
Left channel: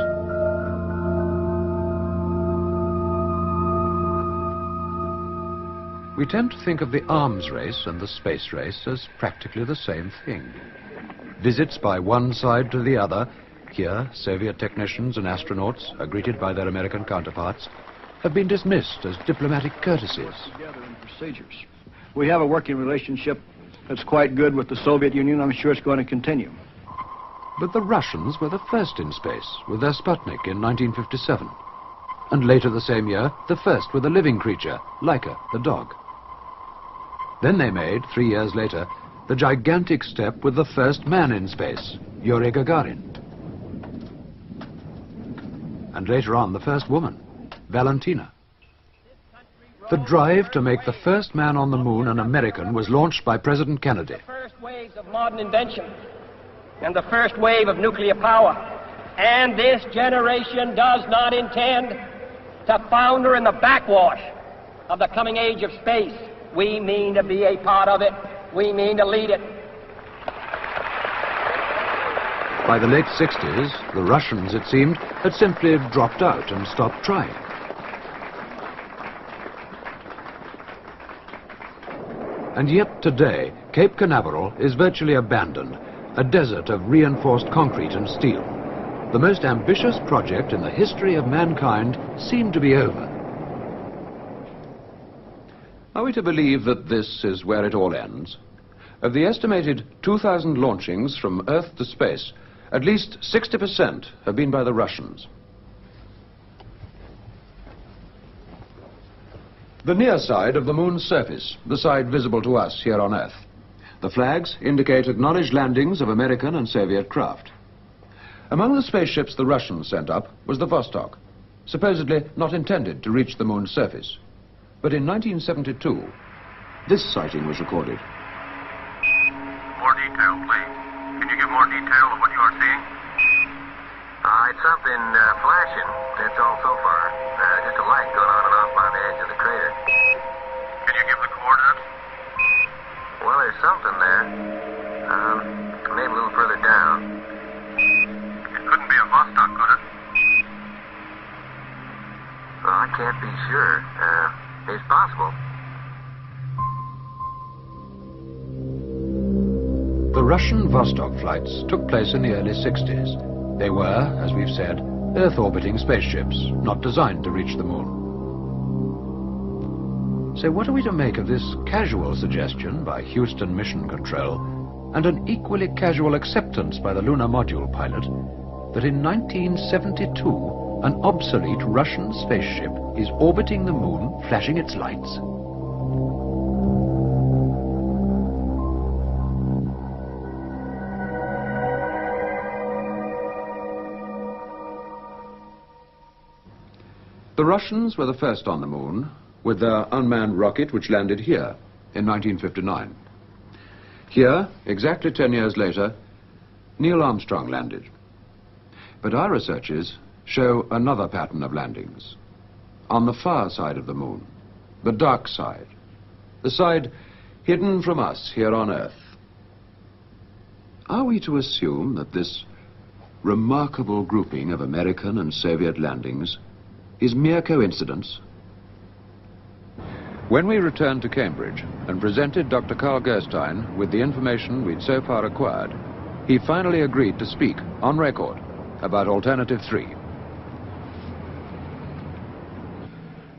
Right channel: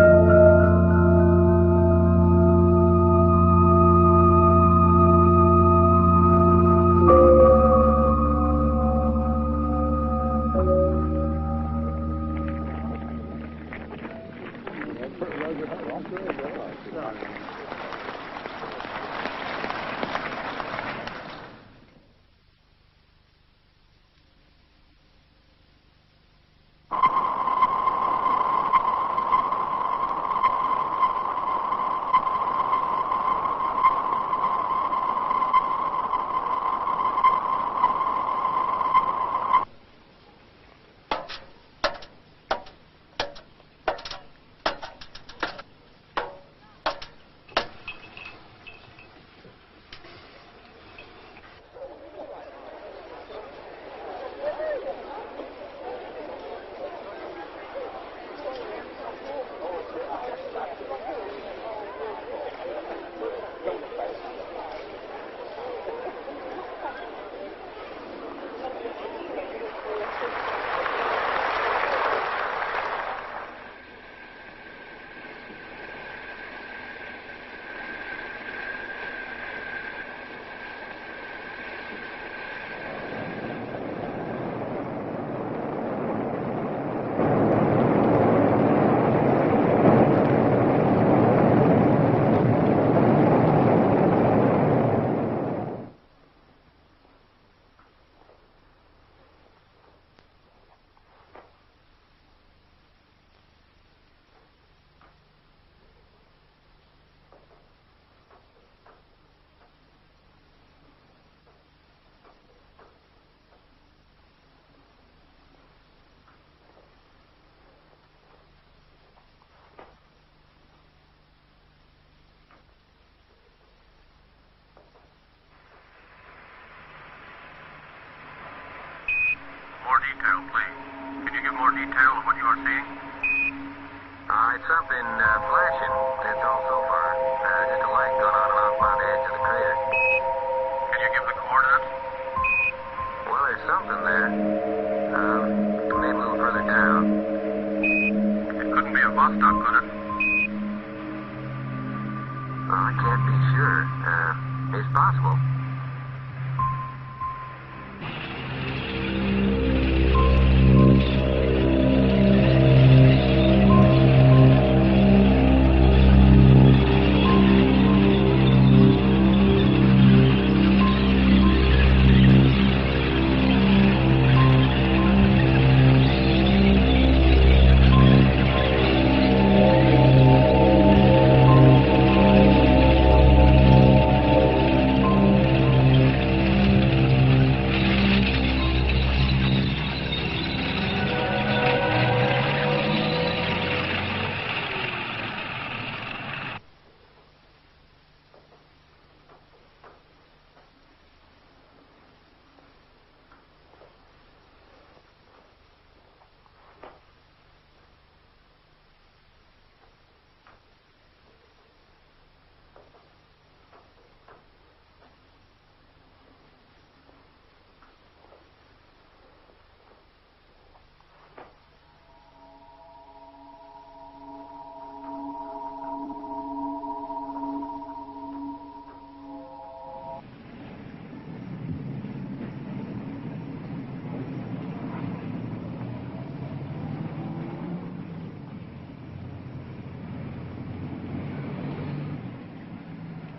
We tend to think of the arms race and the space race as practically the same thing. Visits by one side to the other. Here, Soviet technicians and astronauts are greeted by their American counterparts, have been dismissed as diplomatic courtesies. We have a working relationship that's quite good with the Soviet Union. I'm sure it's going to continue. But the Russians were the first in space with their Sputnik in 1957. And later the same year, the first with a living creature, Laika, the dog. Then they made, 3 years later, the gigantic step with the first man in space, Yuri Gagarin. And later on, the first woman, Valentina. The drive to make the first man on the moon an American was launched by President Kennedy. First wave of modern invention and the first wave of nuclear power. And this generation does not intend to founder in the backwash of the coming age of space. We mean to be a part of it. We mean to lead it. By the late 60s, the Russians, it seemed, had simply dropped out and stopped trying. And yet today, Cape Canaveral is virtually abandoned, a desert of reinforced concrete and steel. The most ambitious project in the history of mankind seemed to be over. Are we to believe that this is where it all ends? Of the estimated 2,000 launchings from Earth to space, at least 60% have been by the Russians. The near side of the moon's surface, the side visible to us here on Earth. The flags indicate acknowledged landings of American and Soviet craft. Among the spaceships the Russians sent up was the Vostok, supposedly not intended to reach the moon's surface. But in 1972, this sighting was recorded. More detail, please. Can you give more detail of what you are seeing? It's something flashing. It's all so far. Just a light going on and off by the edge of the crater. Can you give me the coordinates? Well, there's something there. Maybe a little further down. It couldn't be a Vostok, could it? Well, I can't be sure. It's possible. The Russian Vostok flights took place in the early 60s. They were, as we've said, Earth-orbiting spaceships, not designed to reach the moon. So what are we to make of this casual suggestion by Houston Mission Control, and an equally casual acceptance by the lunar module, I believe, that in 1972, an obsolete Russian spaceship is orbiting the moon, flashing its lights? The Russians were the first on the moon, with their unmanned rocket which landed here in 1959. Here, exactly 10 years later, Neil Armstrong landed. But our researches show another pattern of landings. On the far side of the moon, the dark side, the side hidden from us here on Earth. Are we to assume that this remarkable grouping of American and Soviet landings is mere coincidence, When we returned to Cambridge and presented Dr. Carl Gerstein with the information we'd so far acquired, he finally agreed to speak, on record, about Alternative 3.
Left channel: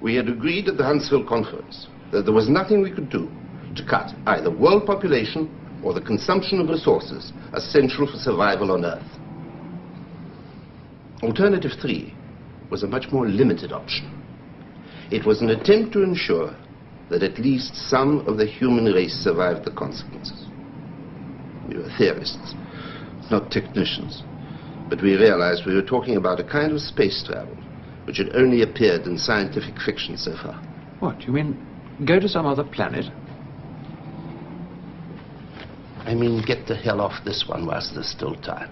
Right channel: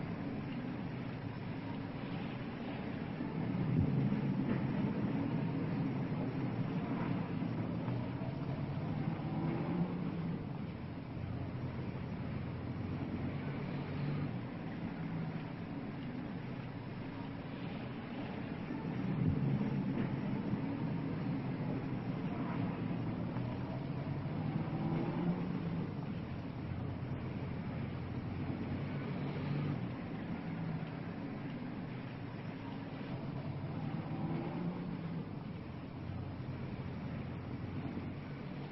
We had agreed at the Huntsville conference that there was nothing we could do to cut either world population or the consumption of resources essential for survival on Earth. Alternative 3 was a much more limited option. It was an attempt to ensure that at least some of the human race survived the consequences. We were theorists, not technicians, but we realized we were talking about a kind of space travel which had only appeared in scientific fiction so far. What, you mean go to some other planet? I mean, get the hell off this one whilst there's still time.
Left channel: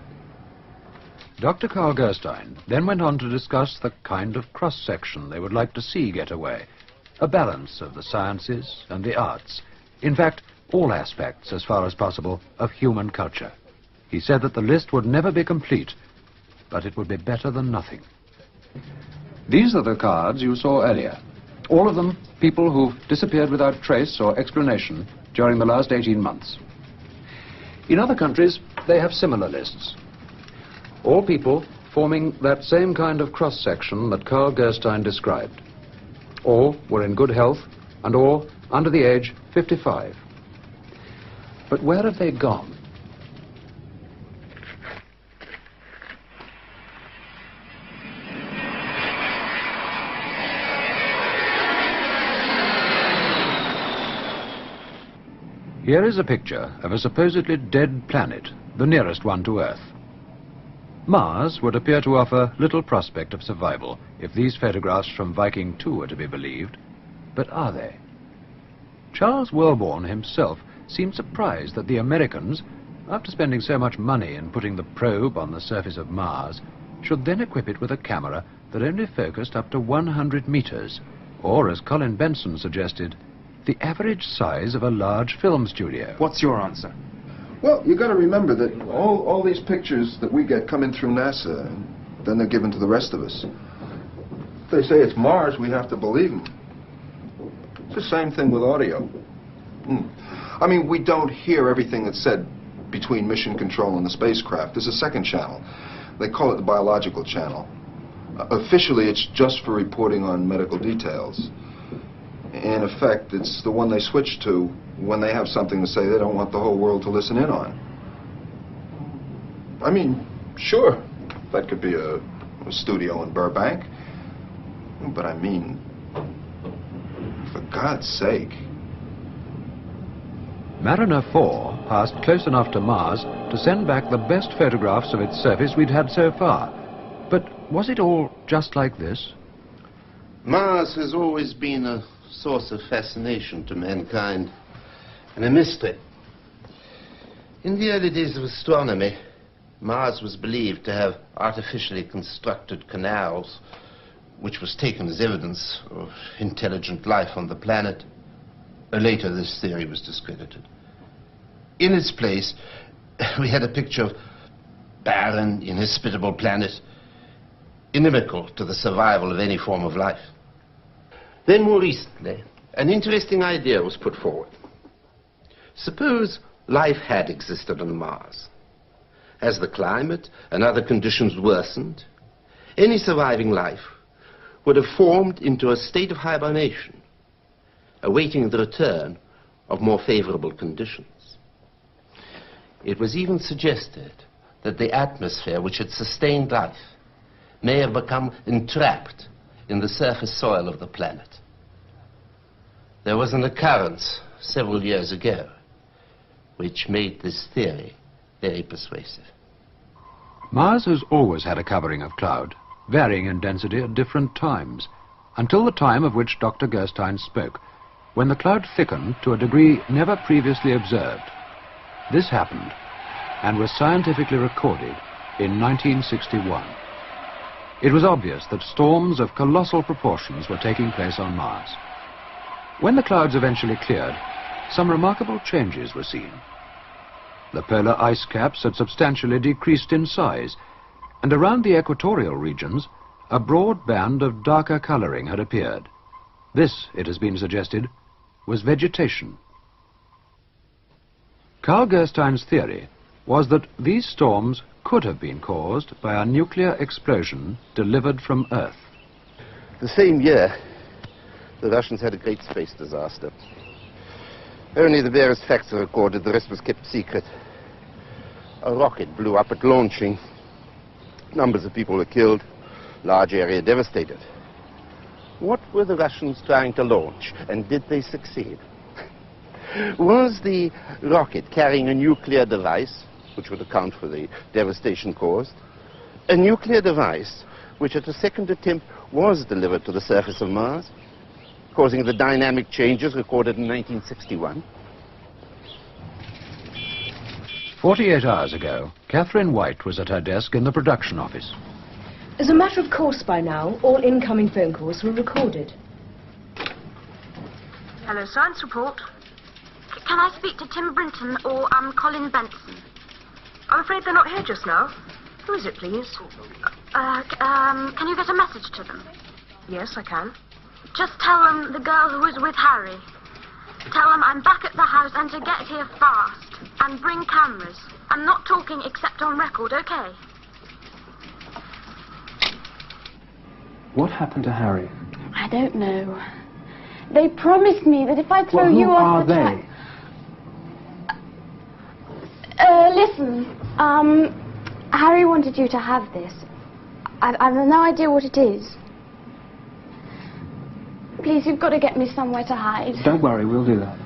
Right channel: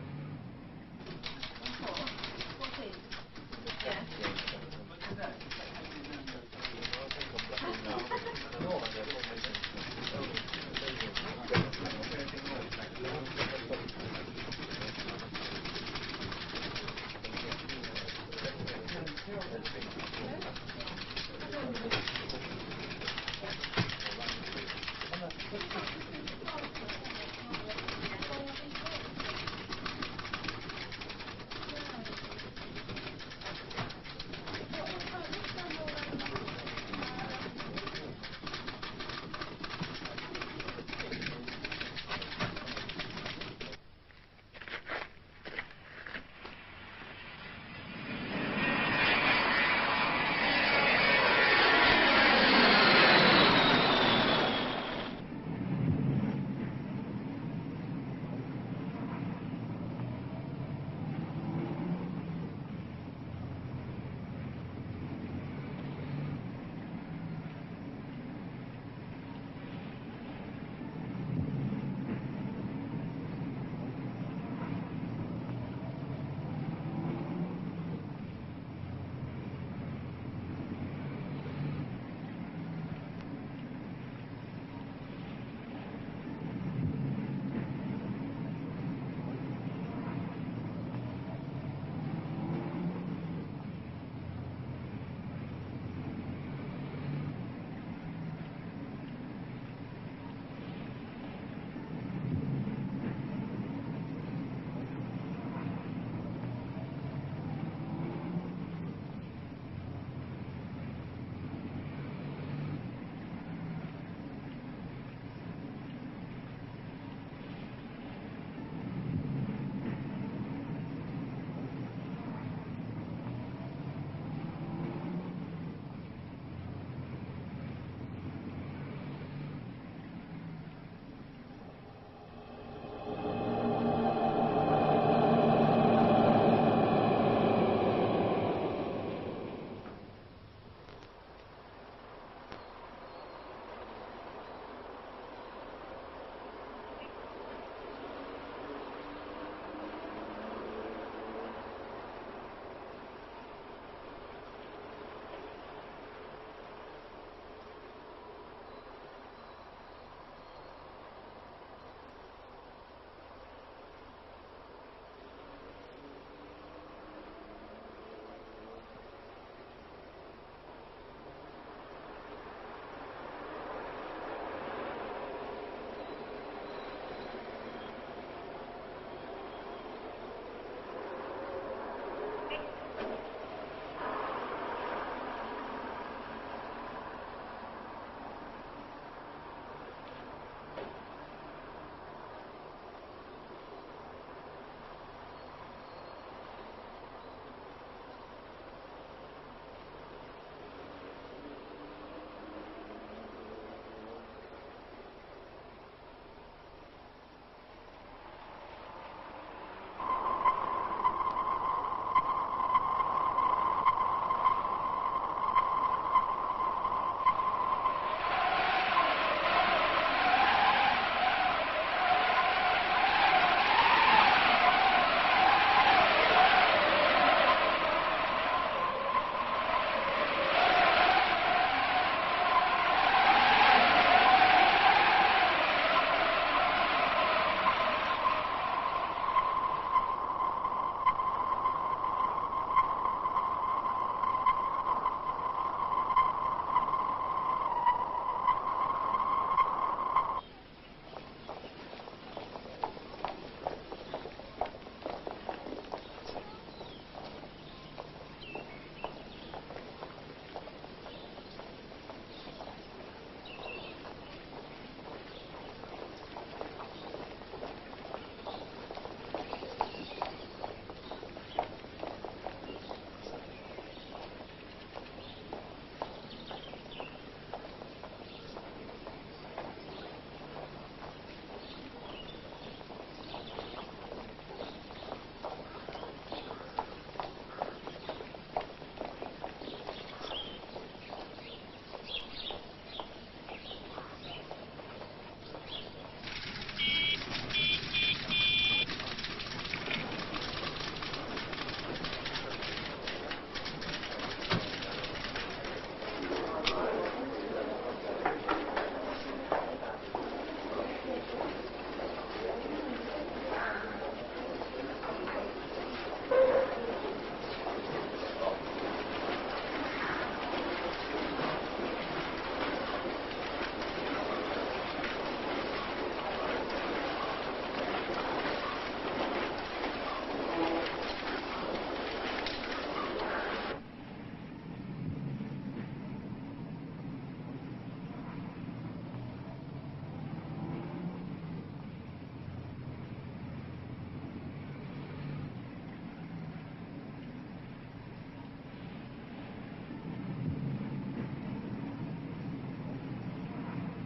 Dr. Carl Gerstein then went on to discuss the kind of cross-section they would like to see get away. A balance of the sciences and the arts. In fact, all aspects, as far as possible, of human culture. He said that the list would never be complete, but it would be better than nothing. These are the cards you saw earlier. All of them people who've disappeared without trace or explanation during the last 18 months. In other countries, they have similar lists. All people forming that same kind of cross-section that Carl Gerstein described. All were in good health, and all under the age 55. But where have they gone? Here is a picture of a supposedly dead planet, the nearest one to Earth. Mars would appear to offer little prospect of survival if these photographs from Viking 2 are to be believed. But are they? Charles Wellborn himself seemed surprised that the Americans, after spending so much money in putting the probe on the surface of Mars, should then equip it with a camera that only focused up to 100 meters, or, as Colin Benson suggested, the average size of a large film studio. What's your answer? Well, you got to remember that all these pictures that we get come in through NASA, and then they're given to the rest of us. If they say it's Mars, we have to believe them. It's the same thing with audio. I mean, we don't hear everything that's said between mission control and the spacecraft. There's a second channel. They call it the biological channel. Officially, it's just for reporting on medical details. In effect, it's the one they switch to when they have something to say they don't want the whole world to listen in on. I mean, sure, that could be a studio in Burbank. But I mean, for God's sake. Mariner 4 passed close enough to Mars to send back the best photographs of its surface we'd had so far. But was it all just like this? Mars has always been a source of fascination to mankind and a mystery. In the early days of astronomy, Mars was believed to have artificially constructed canals, which was taken as evidence of intelligent life on the planet. Later, this theory was discredited. In its place, we had a picture of barren, inhospitable planet, inimical to the survival of any form of life. Then, more recently, an interesting idea was put forward. Suppose life had existed on Mars. As the climate and other conditions worsened, any surviving life would have formed into a state of hibernation, awaiting the return of more favorable conditions. It was even suggested that the atmosphere which had sustained life may have become entrapped in the surface soil of the planet. There was an occurrence several years ago which made this theory very persuasive. Mars has always had a covering of cloud, varying in density at different times, until the time of which Dr. Gerstein spoke, when the cloud thickened to a degree never previously observed. This happened and was scientifically recorded in 1961. It was obvious that storms of colossal proportions were taking place on Mars. When the clouds eventually cleared, some remarkable changes were seen. The polar ice caps had substantially decreased in size, and around the equatorial regions, a broad band of darker coloring had appeared. This, it has been suggested, was vegetation. Carl Gerstein's theory was that these storms could have been caused by a nuclear explosion delivered from Earth. The same year, the Russians had a great space disaster. Only the various facts are recorded, the rest was kept secret. A rocket blew up at launching. Numbers of people were killed, large area devastated. What were the Russians trying to launch, and did they succeed? Was the rocket carrying a nuclear device, which would account for the devastation caused, a nuclear device which at a second attempt was delivered to the surface of Mars, causing the dynamic changes recorded in 1961? 48 hours ago, Catherine White was at her desk in the production office. As a matter of course by now, all incoming phone calls were recorded. Hello, science report. Can I speak to Tim Brinton or Colin Benson? I'm afraid they're not here just now. Who is it, please? Can you get a message to them? Yes, I can. Just tell them the girl who was with Harry. Tell them I'm back at the house and to get here fast. And bring cameras. I'm not talking except on record, okay? What happened to Harry? I don't know. They promised me that if I throw Well, you who off are the they? Listen, Harry wanted you to have this. I've no idea what it is. Please, you've got to get me somewhere to hide. Don't worry, we'll do that.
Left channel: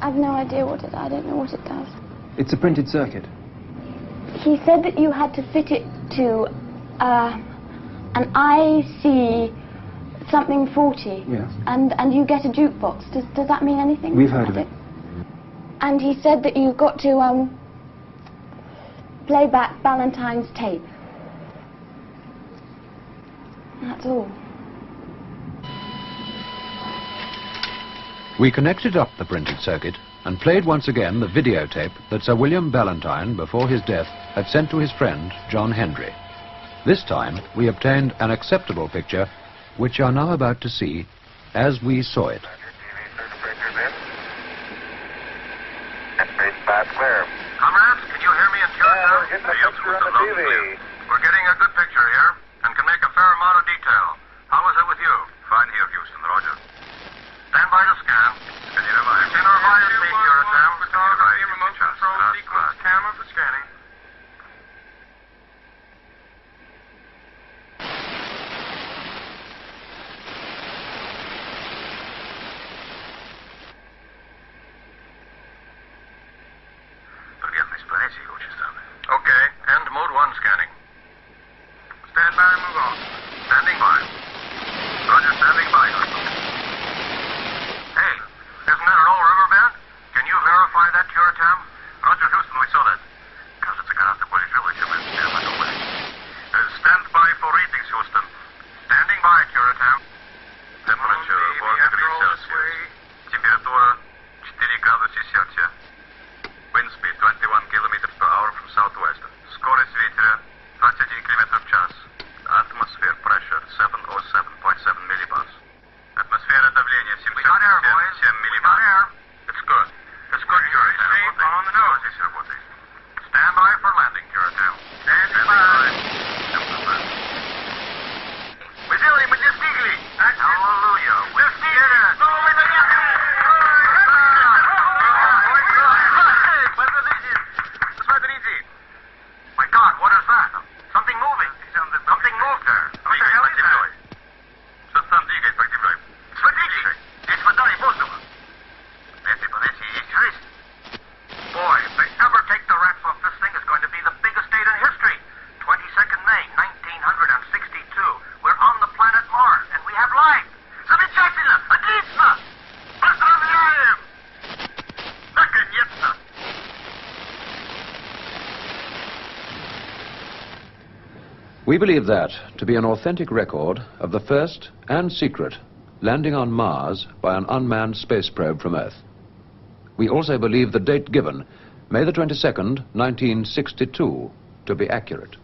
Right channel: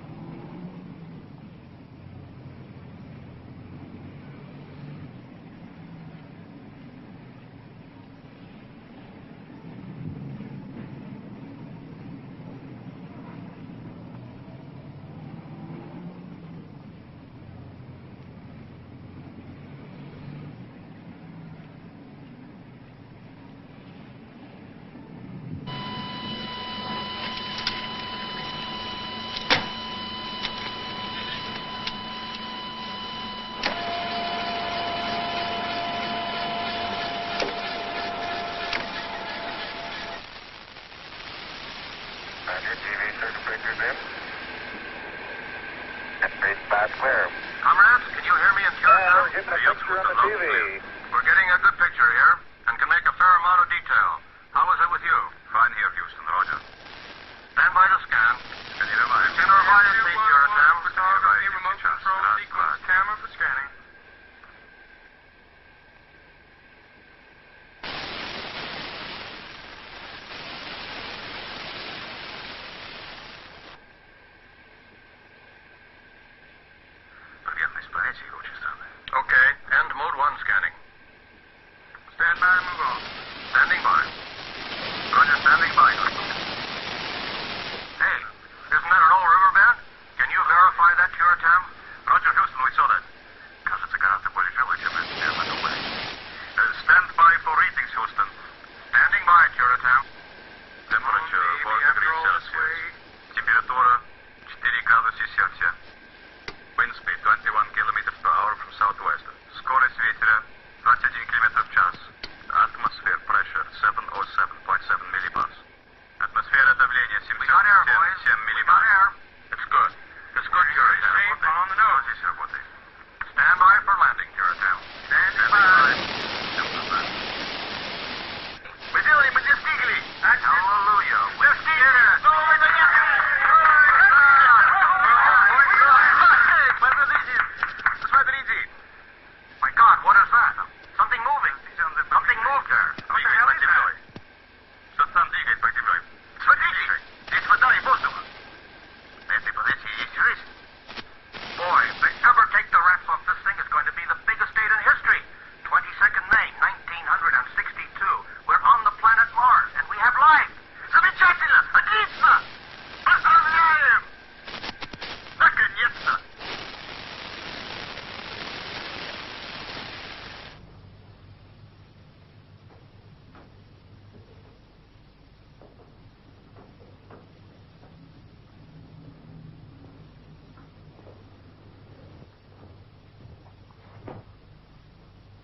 I've no idea what it... I don't know what it does. It's a printed circuit. He said that you had to fit it to, an IC something 40. Yes. And you get a jukebox. Does that mean anything? We've heard of it. And he said that you've got to, play back Ballantyne's tape. That's all. We connected up the printed circuit and played once again the videotape that Sir William Ballantyne, before his death, had sent to his friend, John Hendry. This time, we obtained an acceptable picture, which you are now about to see as we saw it. Comrades, can you hear me in Georgia? Get the picture on the TV. We're getting a good picture here and can make a fair amount of detail. How is it with you? Fine here, Houston, Roger. Stand by your scan. Can you remind me your sound because I remote control sequence camera for scanning. Okay, and mode 1 scanning. Stand by and move on. Standing by. Roger, standing by. Hey, isn't that an old river map? Can you verify that, Curatam? Roger, Houston, we saw it. Stand by for readings, Houston. Standing by, Curatam. Temperature 1 degrees Celsius. Temperatura 4 градуса Цельсия. Wind speed 21 kilometers per hour from southwest. Скорость ветра 21 км в час. Atmosphere pressure 707.7 millibars. Атмосфера давления 7 millibars. It's good. It's good, Curatam. Stand by for landing, Curatam. Stand by. Мы делаем, мы достигли. Hallelujah. We're here. My God, what is that? Something moving. Something moved there. What the hell is it? Что там двигает по тебе? Смотрите, здесь вода и воздух. Boy, if they ever take the rifle off this thing, it's going to be the biggest day in history. 22nd May, 1962. We're on the planet Mars, and we have life. Замечательно! Отлично! Поздравляем! Наконец-то! We believe that to be an authentic record of the first and secret landing on Mars by an unmanned space probe from Earth. We also believe the date given, May the 22nd, 1962, to be accurate.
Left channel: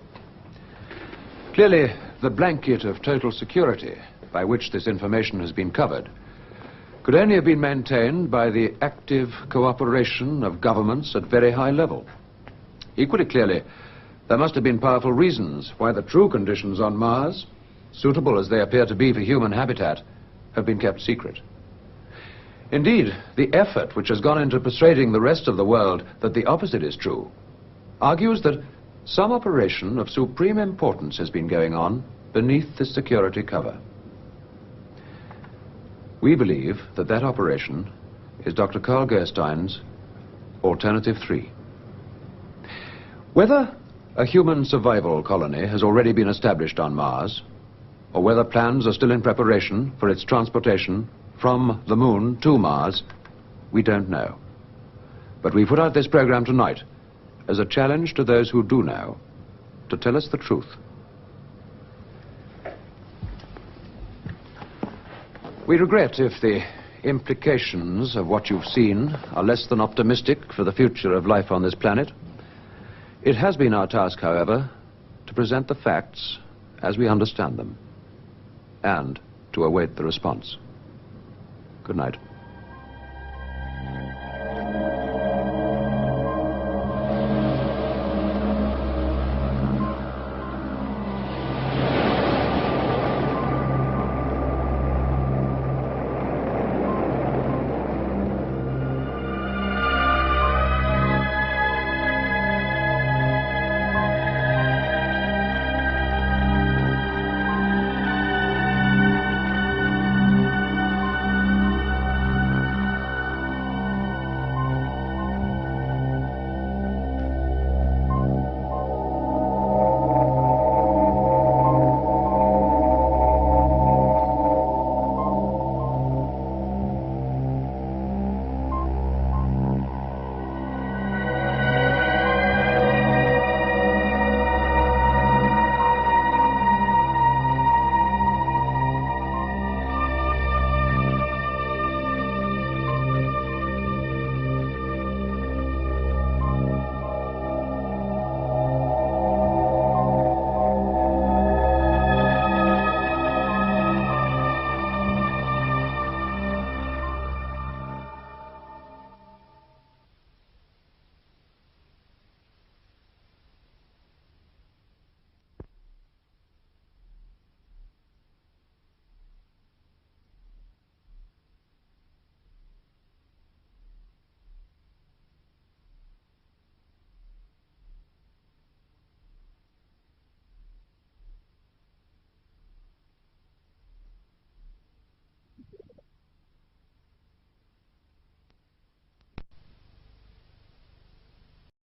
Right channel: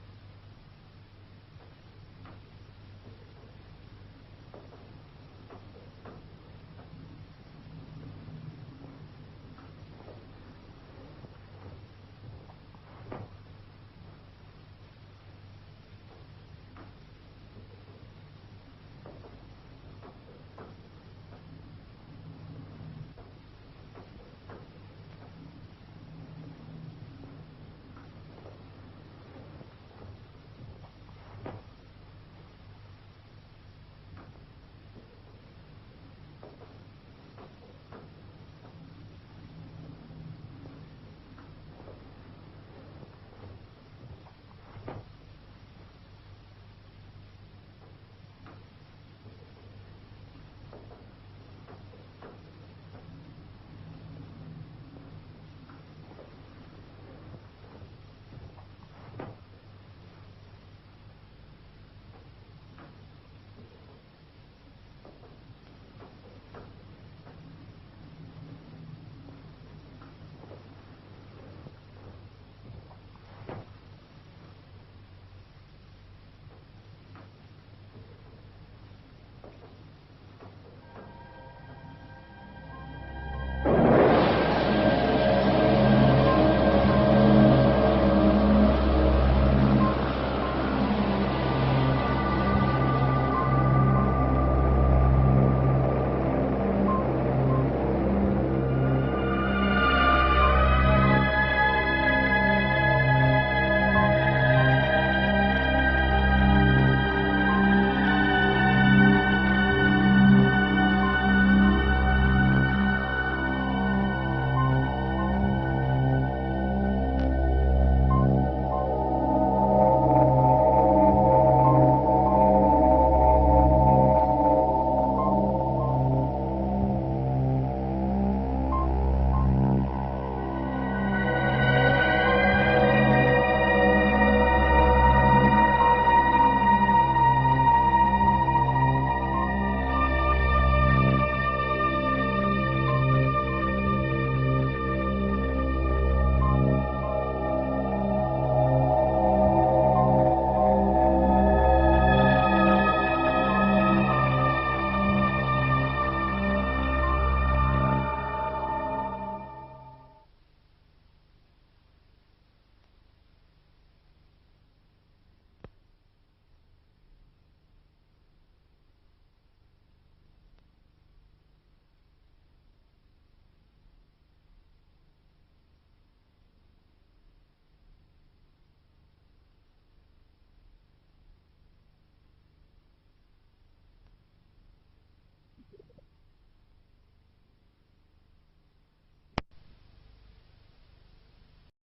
Clearly, the blanket of total security by which this information has been covered could only have been maintained by the active cooperation of governments at very high level. Equally clearly, there must have been powerful reasons why the true conditions on Mars, suitable as they appear to be for human habitat, have been kept secret. Indeed, the effort which has gone into persuading the rest of the world that the opposite is true argues that some operation of supreme importance has been going on beneath the security cover. We believe that that operation is Dr. Carl Gerstein's Alternative 3. Whether a human survival colony has already been established on Mars, or whether plans are still in preparation for its transportation from the Moon to Mars, we don't know. But we put out this program tonight as a challenge to those who do know to tell us the truth. We regret if the implications of what you've seen are less than optimistic for the future of life on this planet. It has been our task, however, to present the facts as we understand them and to await the response. Good night.